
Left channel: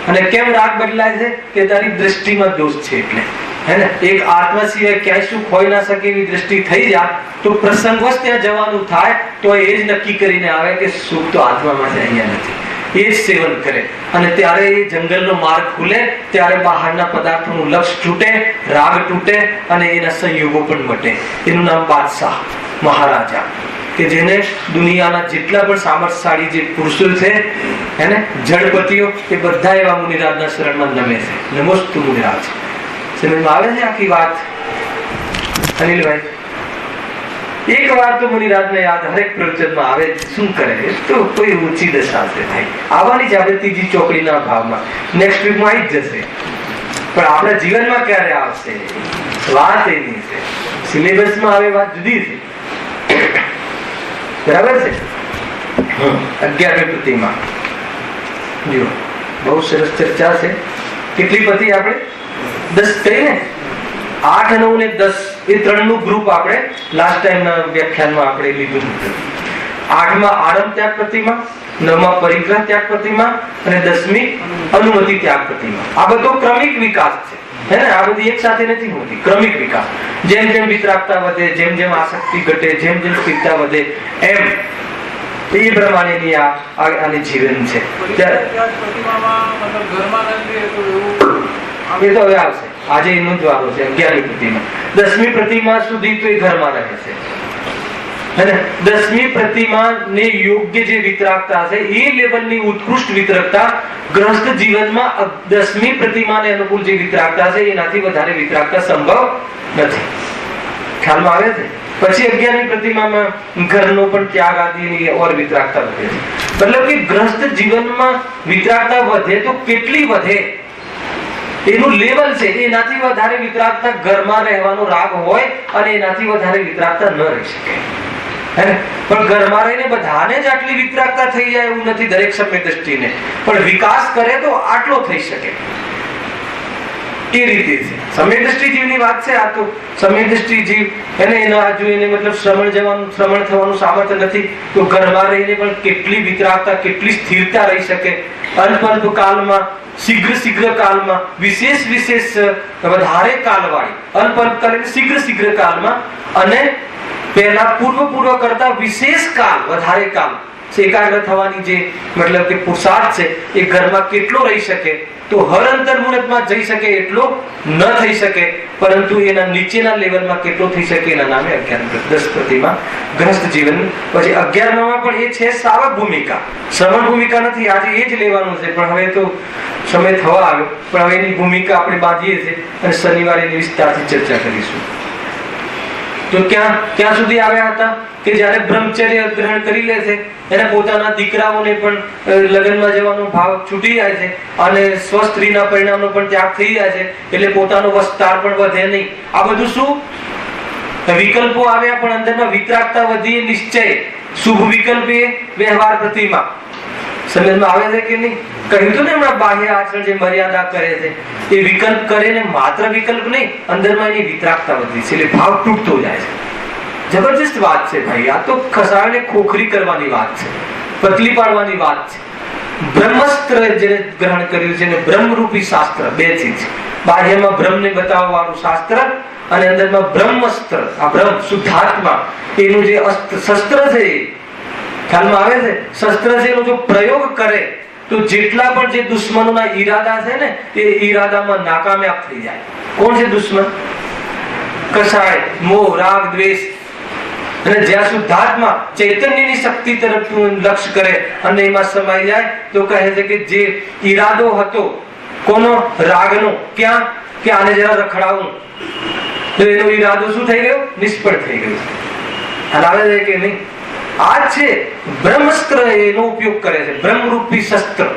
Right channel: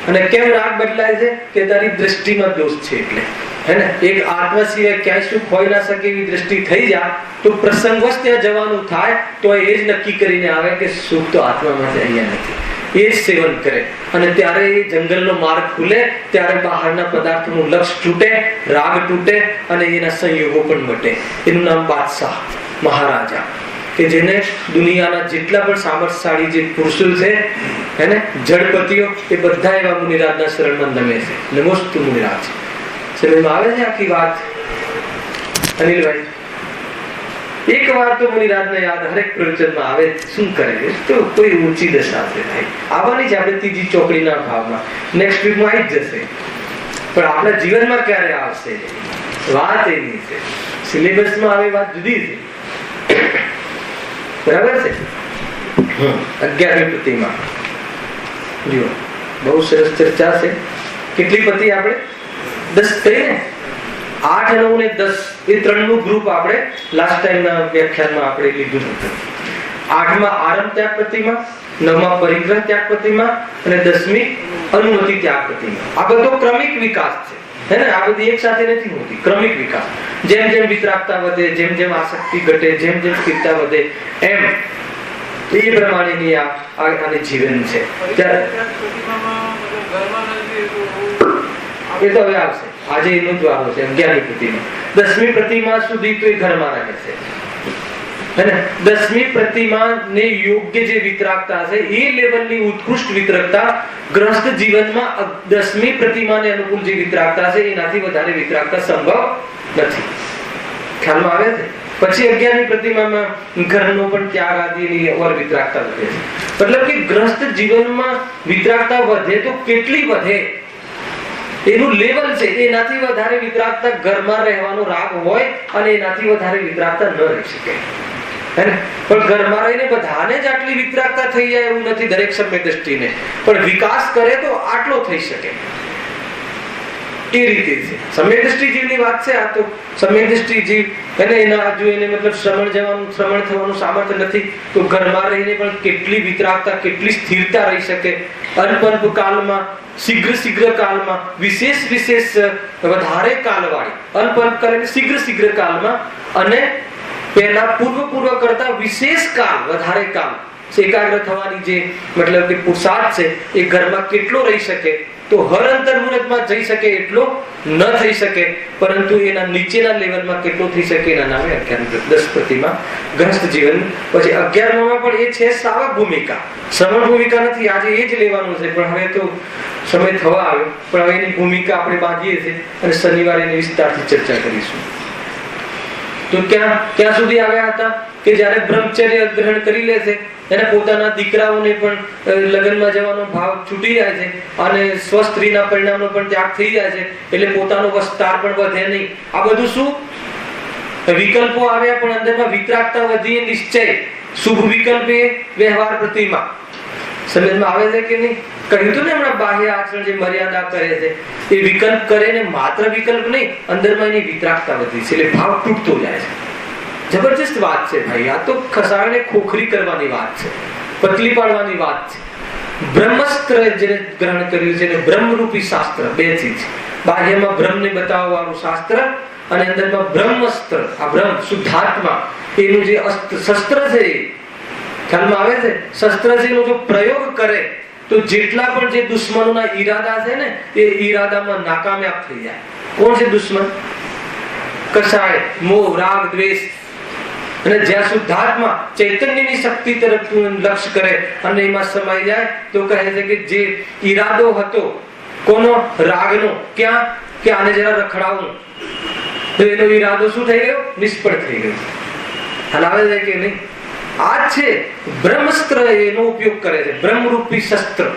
અને કેમ રાગ બદલાય છે? કે તારી દ્રષ્ટિમાં દોષ છે એટલે. હે ને? એક આત્મા સિવાય ક્યાંય સુખ હોઈ ના શકે એવી દ્રષ્ટિ થઈ જાય તો પ્રસંગવશ ત્યાં જવાનું થાય તો એ જ નક્કી કરીને આવે કે સુખ તો આત્મામાં છે, અહીંયા નથી. એ જ સેવન કરે અને ત્યારે એ જંગલનો માર્ગ ખુલે. ત્યારે બહારના પદાર્થોનું લક્ષ તૂટે, રાગ તૂટે અને એના સંયોગો પણ મટે. એનું નામ બાદશાહ, મહારાજા. કે જેને દુનિયાના જેટલા પણ સામર્થ્યશાળી જે પુરુષો છે, હે ને, જડપતિઓ, એ બધા એવા મુનિરાજના શરણમાં નમે છે. નમોસ્તુ મુનિરાજ. સમજમાં આવે છે આખી વાત અનિલભાઈ? એક વાર તો મુનિરાજને યાદ હરેક પ્રવચનમાં આવે, શું કરે તો કોઈ ઊંચી દશા છે ભાઈ, આવવાની જ આપણે ત્રીજી ચોકડીના ભાવમાં, નેક્સ્ટ વીકમાં આવી જ જશે, પણ આપણા જીવનમાં ક્યારે આવશે વાત એની છે. સિલેબસમાં આવે વાત જુદી છે, બરાબર છે. 11મી પ્રતિમા જો બહુ સરસ ચર્ચા છે. કેટલી પતિ આપણે 10 કરી ને, 8, 9 ને 10 એ 3નું ગ્રુપ આપણે લાસ્ટ ટાઈમના વ્યાખ્યાનમાં આપણે લીધું હતું. 8માં આરંભ ત્યાગ પ્રતિમા, 9માં પરિગ્રહ ત્યાગ પ્રતિમા અને 10મી અનુમતિ ત્યાગ પ્રતિમા. આ બધો ક્રમિક વિકાસ છે, હે ને? આ બધી એક સાથે નથી હોતી, ક્રમિક વિકાસ. જેમ જેમ વિતરાગતા વધે, જેમ જેમ આસક્તિ ઘટે, જેમ જેમ સ્થિરતા વધે, એમ એ પ્રમાણેની આની જીવન છે. એ તો હવે આવશે, આજે એનું જ વારો છે. 11મી પ્રતિમા, 10મી પ્રતિમા સુધી તો એ ઘરમાં રહે છે, હે ને? 10મી પ્રતિમાને યોગ્ય જે વિતરાગતા છે એ લેવલની ઉત્કૃષ્ટ વિતરાગતા ગ્રસ્ત જીવનમાં 10મી પ્રતિમાને અનુકૂળ જે વિતરાગતા છે એનાથી વધારે વિતરાગતા સંભવ નથી. ખ્યાલમાં આવે છે? પછી 11મી પ્રતિમામાં ઘરનો પણ ત્યાગ આદિની ઓર વિતરાગતા વધે છે. મતલબ કે ગ્રસ્ત જીવનમાં વિતરાગતા વધે તો કેટલી વધે એનું લેવલ છે. એનાથી વધારે વિતરાગતા ઘરમાં રહેવાનો રાગ હોય અને એનાથી વધારે વિતરાગતા ન રહી શકે, હે ને? પણ ઘરમાં રહીને બધાને જ આટલી વિતરાગતા થઈ જાય એવું નથી, દરેક સમય દ્રષ્ટિને, પણ વિકાસ કરે તો આટલો થઈ શકે એ રીતે છે. સમય દ્રષ્ટિ જીવની વાત છે. આ તો સમય દ્રષ્ટિ જીવ, એને એના હજુ એને મતલબ શ્રમણ થવાનું સામર્થ્ય નથી, તો ઘરમાં રહીને પણ કેટલી વિતરાગતા, કેટલી સ્થિરતા રહી શકે. અલ્પ કાલમાં, શીઘ્ર કાલમાં, વિશેષ વધારે કાલવાળી, અલ્પ કરીને શીઘ્ર કાલમાં, અને પહેલા પૂર્વ કરતા વિશેષ કાલ, વધારે કાલ એકાગ્ર થવાની જે મતલબ કે પુરુષાર્થ છે એ ઘરમાં કેટલો રહી શકે. તો હર અંતર્મુહૂર્તમાં જઈ શકે એટલો ન થઈ શકે, પરંતુ એના નીચેના લેવલમાં કેટલો થઈ શકે એના નામે 10 પ્રતિમા ગ્રસ્ત જીવન. પછી 11માં પણ એ છે શ્રાવક ભૂમિકા, શ્રવણ ભૂમિકા નથી. આજે એ જ લેવાનું છે, પણ હવે તો સમય થવા આવ્યો, પણ હવે એની ભૂમિકા આપણે બાંધીએ છીએ અને શનિવારે એની વિસ્તારથી ચર્ચા કરીશું. તો ક્યાં સુધી આવ્યા હતા કે જ્યારે બ્રહ્મચર્ય ગ્રહણ કરી લે છે, એને પોતાના દીકરાઓને પણ લગ્નમાં જવાનો ભાવ છૂટી જાય છે અને સ્વસ્ત્રીના પરિણામનો પણ ત્યાગ થઈ જાય છે, એટલે પોતાનો વિસ્તાર પણ વધે નહીં. આ બધું શું વિકલ્પો આવ્યા, પણ અંદરમાં વિતરાગતા વધી, નિશ્ચય, શુભ વિકલ્પ એ વ્યવહાર પ્રતિમા. સમજમાં આવે છે કે નહીં? કહ્યું તો ને હમણાં, બાહ્ય આચરણ જે મર્યાદા કરે છે એ વિકલ્પ કરે ને, માત્ર વિકલ્પ નહીં, અંદરમાં એની વિતરાગતા વધી છે, એટલે ભાવ તૂટતો જાય છે. જબરજસ્ત વાત છે ભાઈ. આ તો ખસાડને ખોખરી કરવાની વાત છે, પતલી પાડવાની વાત છે. બ્રહ્મસ્ત્ર જેને ગ્રહણ કર્યું છે ને બ્રહ્મરૂપી શાસ્ત્ર, બે ચીજ. બાહ્યમાં બ્રહ્મને બતાવવાનું શાસ્ત્ર અને અંદરમાં બ્રહ્મસ્ત્ર, આ બ્રહ્મ શુદ્ધાત્મા, એનું જે શસ્ત્ર છે, ખ્યાલમાં આવે છે? શસ્ત્ર છે એનો જો પ્રયોગ કરે તો જેટલા પણ જે દુશ્મનોના ઈરાદા છે ને એ ઈરાદામાં નાકામયાબ થઈ જાય. કોણ છે દુશ્મન? કસાય, મોહ, રાગ, દ્વેષ. અને જ્યાં શુદ્ધાત્મા ચૈતન્યની શક્તિ તરફ લક્ષ્ય કરે અને એમાં સમાઈ જાય તો કહે છે કે જે ઈરાદો હતો કોનો? રાગનો. ક્યાં? કે આને જરા રખડાવું, તો એનો ઈરાદો શું થઈ ગયો? નિષ્ફળ થઈ ગયો. હલાવે છે કે નહીં? આ છે બ્રહ્મસ્ત્ર, એનો ઉપયોગ કરે છે, બ્રહ્મરૂપી શસ્ત્ર.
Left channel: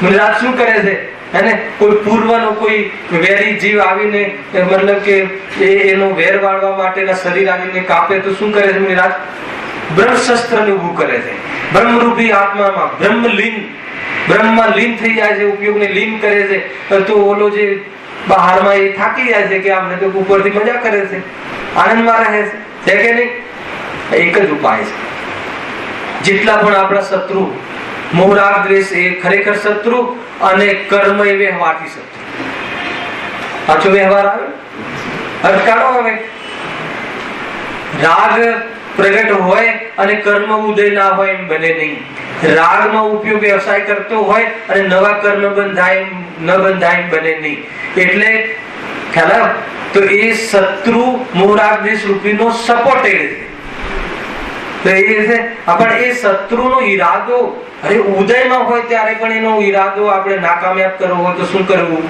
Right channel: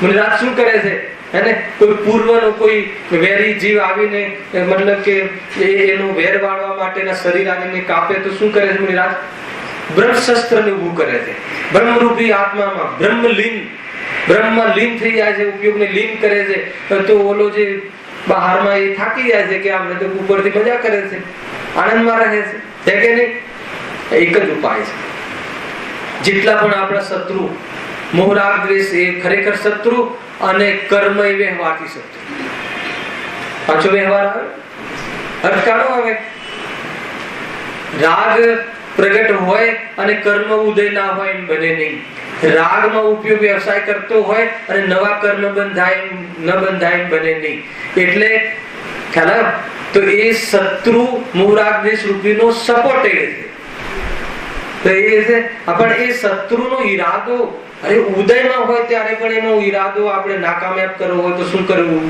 મુનિરાજ શું કરે છે? એને કોઈ પૂર્વનો કોઈ વેરી જીવ આવીને મતલબ કે એનો વેર વાળવા માટેના શરીર આવીને કાપે તો શું કરે છે મુનિરાજ? બ્રહ્મ શસ્ત્રને ઊભું કરે છે. બ્રહ્મરૂપી આત્મામાં બ્રહ્મમાં લીન થઈ જાય છે, ઉપયોગને લીન કરે છે. તો ઓલો જે બહારમાં એ થાકી જાય છે કે આમ તો ઉપરથી મજા કરે છે, આનંદમાં રહે છે કે નહીં? એક જ ઉપાય છે. જેટલા પણ આપણા શત્રુ, મોહ, રાગ, દ્વેષ એ ખરેખર શત્રુ, અને કર્મ એ વ્યવહારથી શત્રુ. પાછો વ્યવહાર આવે, અટકારો હવે. રાગ પ્રગટ હોય અને કર્મ ઉદય ના હોય એમ બને નહીં. રાગમાં ઉપયોગ વ્યવસાય કરતો હોય અને નવા કર્મ બંધાય ન બંધાય એમ બને નહીં. એટલે ખ્યાલ તો એ શત્રુ મોહ, રાગ, દ્વેષ રૂપીનો સપોર્ટ એ છે. તો એ છે પણ એ શત્રુનો ઈરાદો અરે ઉદયમાં હોય ત્યારે પણ એનો ઈરાદો આપણે નાકામયાબ કરવો હોય તો શું કરવું?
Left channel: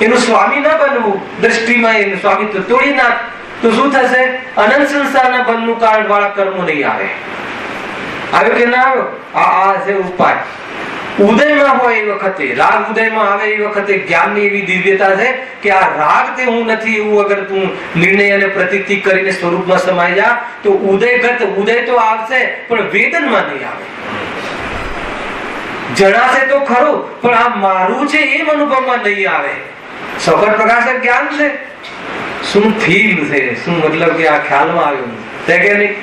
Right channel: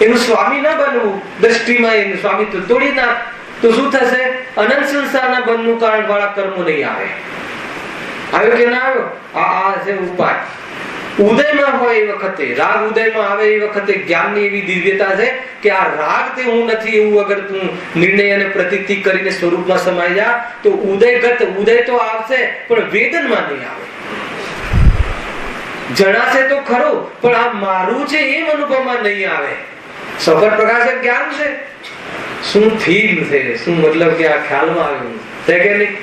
એનું સ્વામી ના બનવું. દ્રષ્ટિમાં એનું સ્વામિત્વ તોડી નાખ. તો શું થશે? અનંત સંસારના બંધનું કારણ વાળા કર્મો નહીં આવે. આવ્યો કે ના આવ્યો? આ છે ઉપાય. ઉદયમાં હોય એ વખતે, રાગ ઉદયમાં આવે એ વખતે જ્ઞાનની એવી દિવ્યતા છે કે આ રાગ તે હું નથી એવું અગર તું નિર્ણય અને પ્રતીતિ કરીને સ્વરૂપમાં સમાઈ જા તો ઉદય તો આવશે પણ વેદનમાં નહીં આવે. જણાશે તો ખરું પણ આ મારું છે એમ અનુભવમાં નહીં આવે. સફળ પ્રકાશક જ્ઞાન છે. શું ફીલ છે, શું મતલબ કે આ ખ્યાલમાં આવ્યું છે કે નહીં?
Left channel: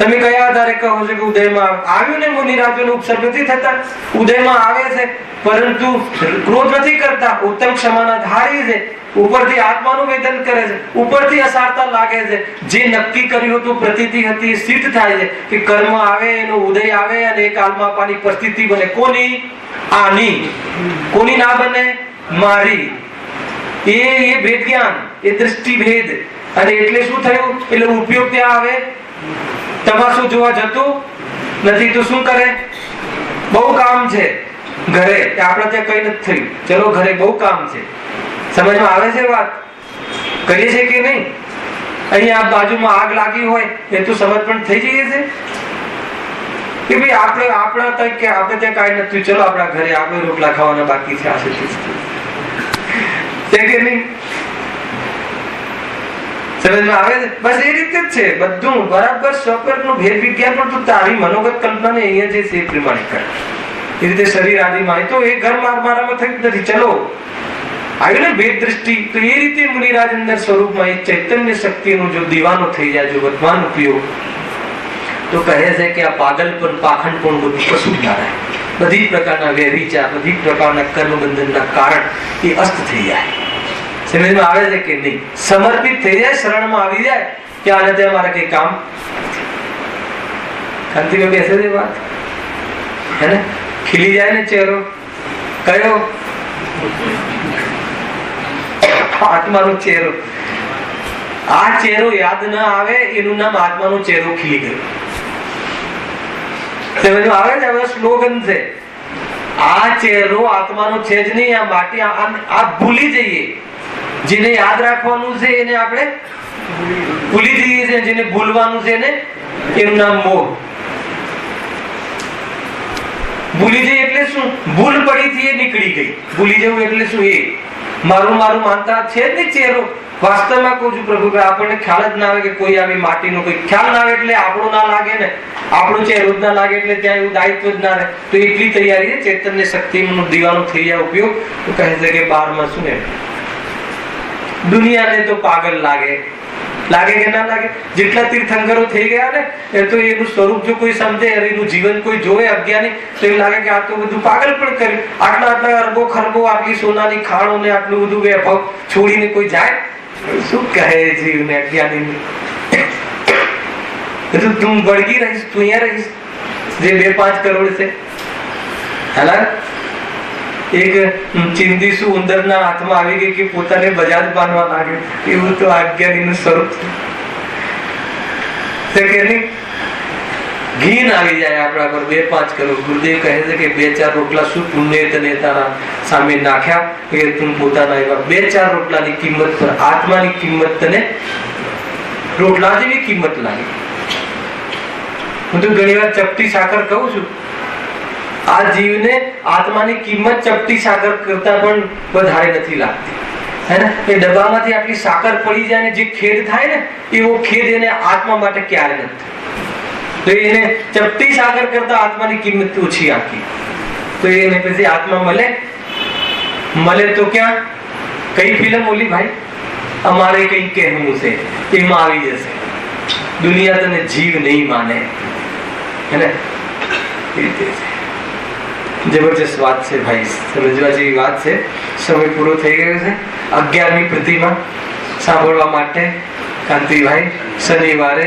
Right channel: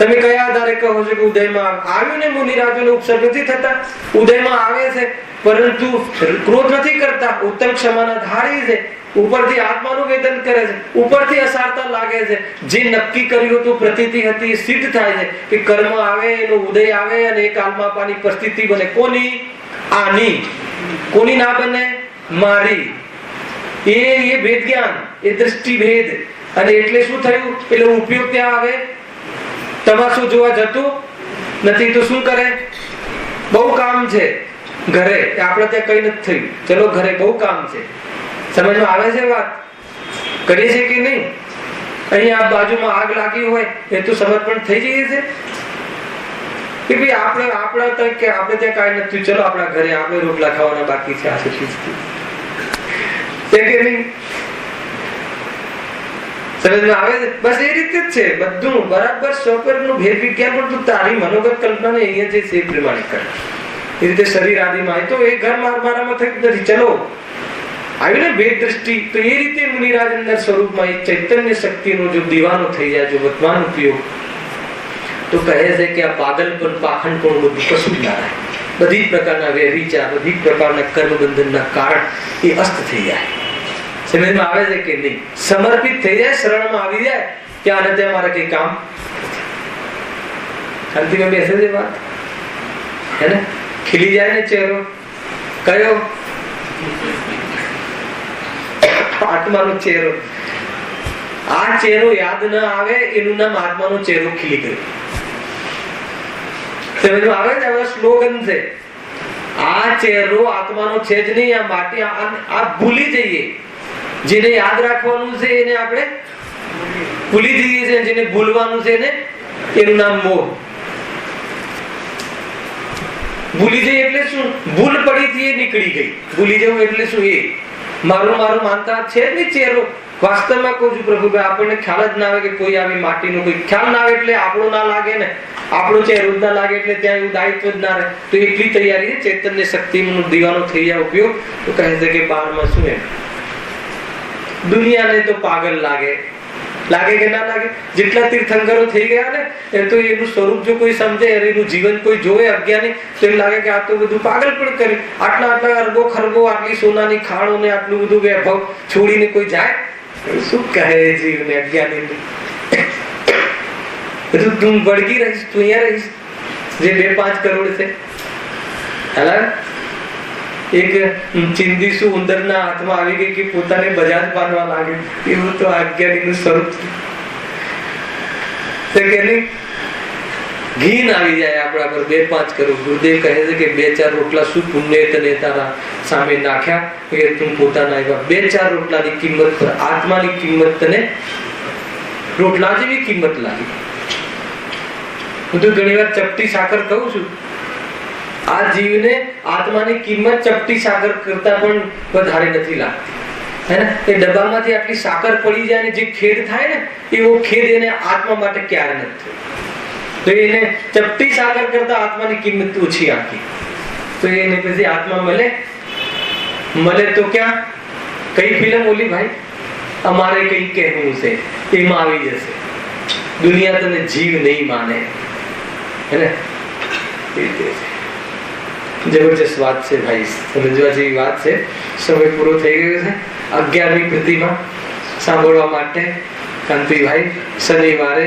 તમે કયા આધારે કહો છો કે ઉદયમાં આવ્યું ને? મુનિરાજોને ઉપસર્ગ નથી થતા, ઉદયમાં આવે છે પરંતુ ક્રોધ નથી કરતા, ઉત્તમ ક્ષમાના ધારી છે, ઉપરથી આત્માનું વેદન કરે છે, ઉપરથી અસારતા લાગે છે, જે નક્કી કર્યું હતું પ્રતીતિ હતી સિદ્ધ થાય છે કે કર્મ આવે એનો ઉદય આવે અને એક કાલમાં પાની પરિસ્થિતિ બને. કોની? આની. કોની ના બને? મારી. એ ભેદ જ્ઞાન, એ દ્રષ્ટિ ભેદ. અને એટલે શું થયું? એટલે ઉપયોગ ત્યાં આવે. તમાશું જોવા જતું નથી તો શું કરે? બહુ કામ છે ઘરે, આપણે ત્યાં કઈ નથી થયું, ચલો ઘરે બહુ કામ છે. સમજમાં આવે છે વાત? કરીએ છે કે નહીં? અહીંયા બાજુમાં આગ લાગી હોય એ તો સમજ પણ થઈ જઈએ છે કે ભાઈ આપણે ત્યાં કઈ નથી, ચલો આપણા ઘરે આપણે રોટલા ખાવાના બાકી છે. આ છે કે નહીં? સમજમાં આવે છે? બસ એ રીતે જ છે બધું બરાબર. સ્વપ્રનું ભેદ વિજ્ઞાન પણ તું તારી મનોગત કલ્પનાને અહીંયા જે છે એ પ્રમાણિત કર. એ રીતે શરીર આદિમાં તો એ ઘર મારામાં થયું નથી, ચલો આવ્યું ને ભેદ દ્રષ્ટિ. તો એ રીતે મુનિરાજ અંદર સ્વરૂપમાં એ ચૈતન્ય શક્તિનો જો દીવાનો થઈ જાય, જો વર્તમાન ઉપયોગ, તો કહે છે કે આ પાગલપણ પાખંડપણ બધું કશું જ ના રહે. બધી પ્રકારના વ્યભિચાર, બધી પ્રકારના કર્મબંધનના કારણ એ અસ્ત થઈ જાય. સમજમાં આવે છે કે નહીં? સમર્પિત થઈ જાય, શરણમાં આવી જાય કે આને ત્યાં મારે કઈ કામ. શાંતિમાં બેસે છે વાત હે ને? ખીલી જાય ને ચહેરો. કયો? આત્માનો ચહેરો. આ ચહેરો યાદ ના આવે એનું નામ આત્માનો ચહેરો ખીલી ગયો. સમજમાં આવે છે? હવે સ્લોગન છે આ ચહેરો આત્માનો છે જ નહીં. આ માટી આ ભૂલી જઈએ. જેને યાદ રાખવાનું છે એને આપણે ભૂલી જઈએ છીએ. જેને ભૂલવાનું છે એને એનું નામ મોહ. ભૂલી જઈએ એટલે શું? ભૂલ પડી થી એ નીકળી ગઈ. ભૂલી જવું એટલે શું? એ મારું માનતા છે જ નહીં ચહેરો. વાસ્તવમાં કહું છું પ્રભુ, આપણને ખ્યાલ જ ના આવે કે કોઈ આવી માટીનો કોઈ ખ્યાલ ના આવે એટલે આપણો ના લાગે ને, આપણો ચહેરો જ ના લાગે એટલે ત્યાં એવું દાયિત્વ જ ના રહે. તો એટલી તૈયારી છે ચૈતન્ય શક્તિનો દીવાનો થઈ જાય ઉપયોગ. તો કહે છે કે 12માં શું એમ દુનિયાને તો પાગલ લાગે કે ના લાગે? જેટલા તીર્થંકરો થઈ ગયા ને એ તો એનું સ્વરૂપ જો કોઈ સમજે, એનું જીવન કોઈ જોવે અજ્ઞાની, તો એવું લાગે કે આ તો બધું પાગલ પણ કર્યું. આટલા અરબો ખરબો, આટલી સોનાની ખાણો ને આટલું બધું વૈભવ છોડીને કોઈ જાય? શું કહે જીવને અજ્ઞાની? તું વળગી રહીશ, તું અહીંયા રહીશ. જે 2-5 કરોડ છે હલા એક ચિંદીસુ ઉંદરના હાથમાં આવી ગઈ કે પોતાને બજાજ બાંધવા લાગે. એવું તો અજ્ઞાનીનું સ્વરૂપ છે કે નહીં? ઘીન આવી જાય આપણા પર 2-5 કરોડ. ગુરુદેવ કહે છે કે 2-4 રોટલા શું પુણ્ય તને તારા સામે નાખ્યા કે તું પોતાના આવ્યા. 2-4 રોટલાની કિંમત પર આત્માની કિંમત તને રોટલા જેવી કિંમત લાગી. હું તો ઘણી વાર ચપટી સાકર કહું છું. આ જીવને આત્માની કિંમત ચપટી સાકર કરતા પણ વધારે નથી લાગતી હે ને? એ ડબ્બામાંથી આટલી સાકર પડી જાય ને જે ખેદ થાય ને એવો ખેદ એને આત્મા માટે ક્યારે નથી. તો એને ચપટી સાકર કરતા આત્માની કિંમત ઓછી આપી. તો એને પછી આત્મા મળે તો ક્યાં? કઈ ફિલ્મ ઓલી ભાઈ અમારે કઈ કહેવું છે એમાં આવી જશે. દુનિયા તને જીવ નહીં માને હે ને? એ રીતે છે. જબરજસ્ત વાત છે ભાઈ, સમજવા જેવી વાત છે. સમય પૂરો થઈ ગયો છે. 11મી પ્રતિમા સાંભળવા માટે કાંતિભાઈ શનિવારે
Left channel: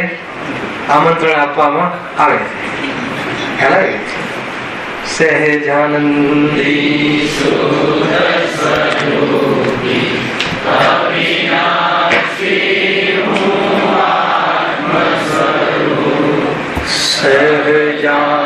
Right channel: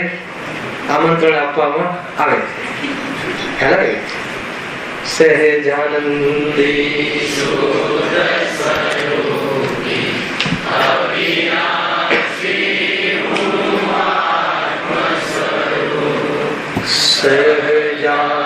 આમંત્રણ આપવામાં આવે છે. ખ્યાલ આવે? સહેજાનંદી સહેજા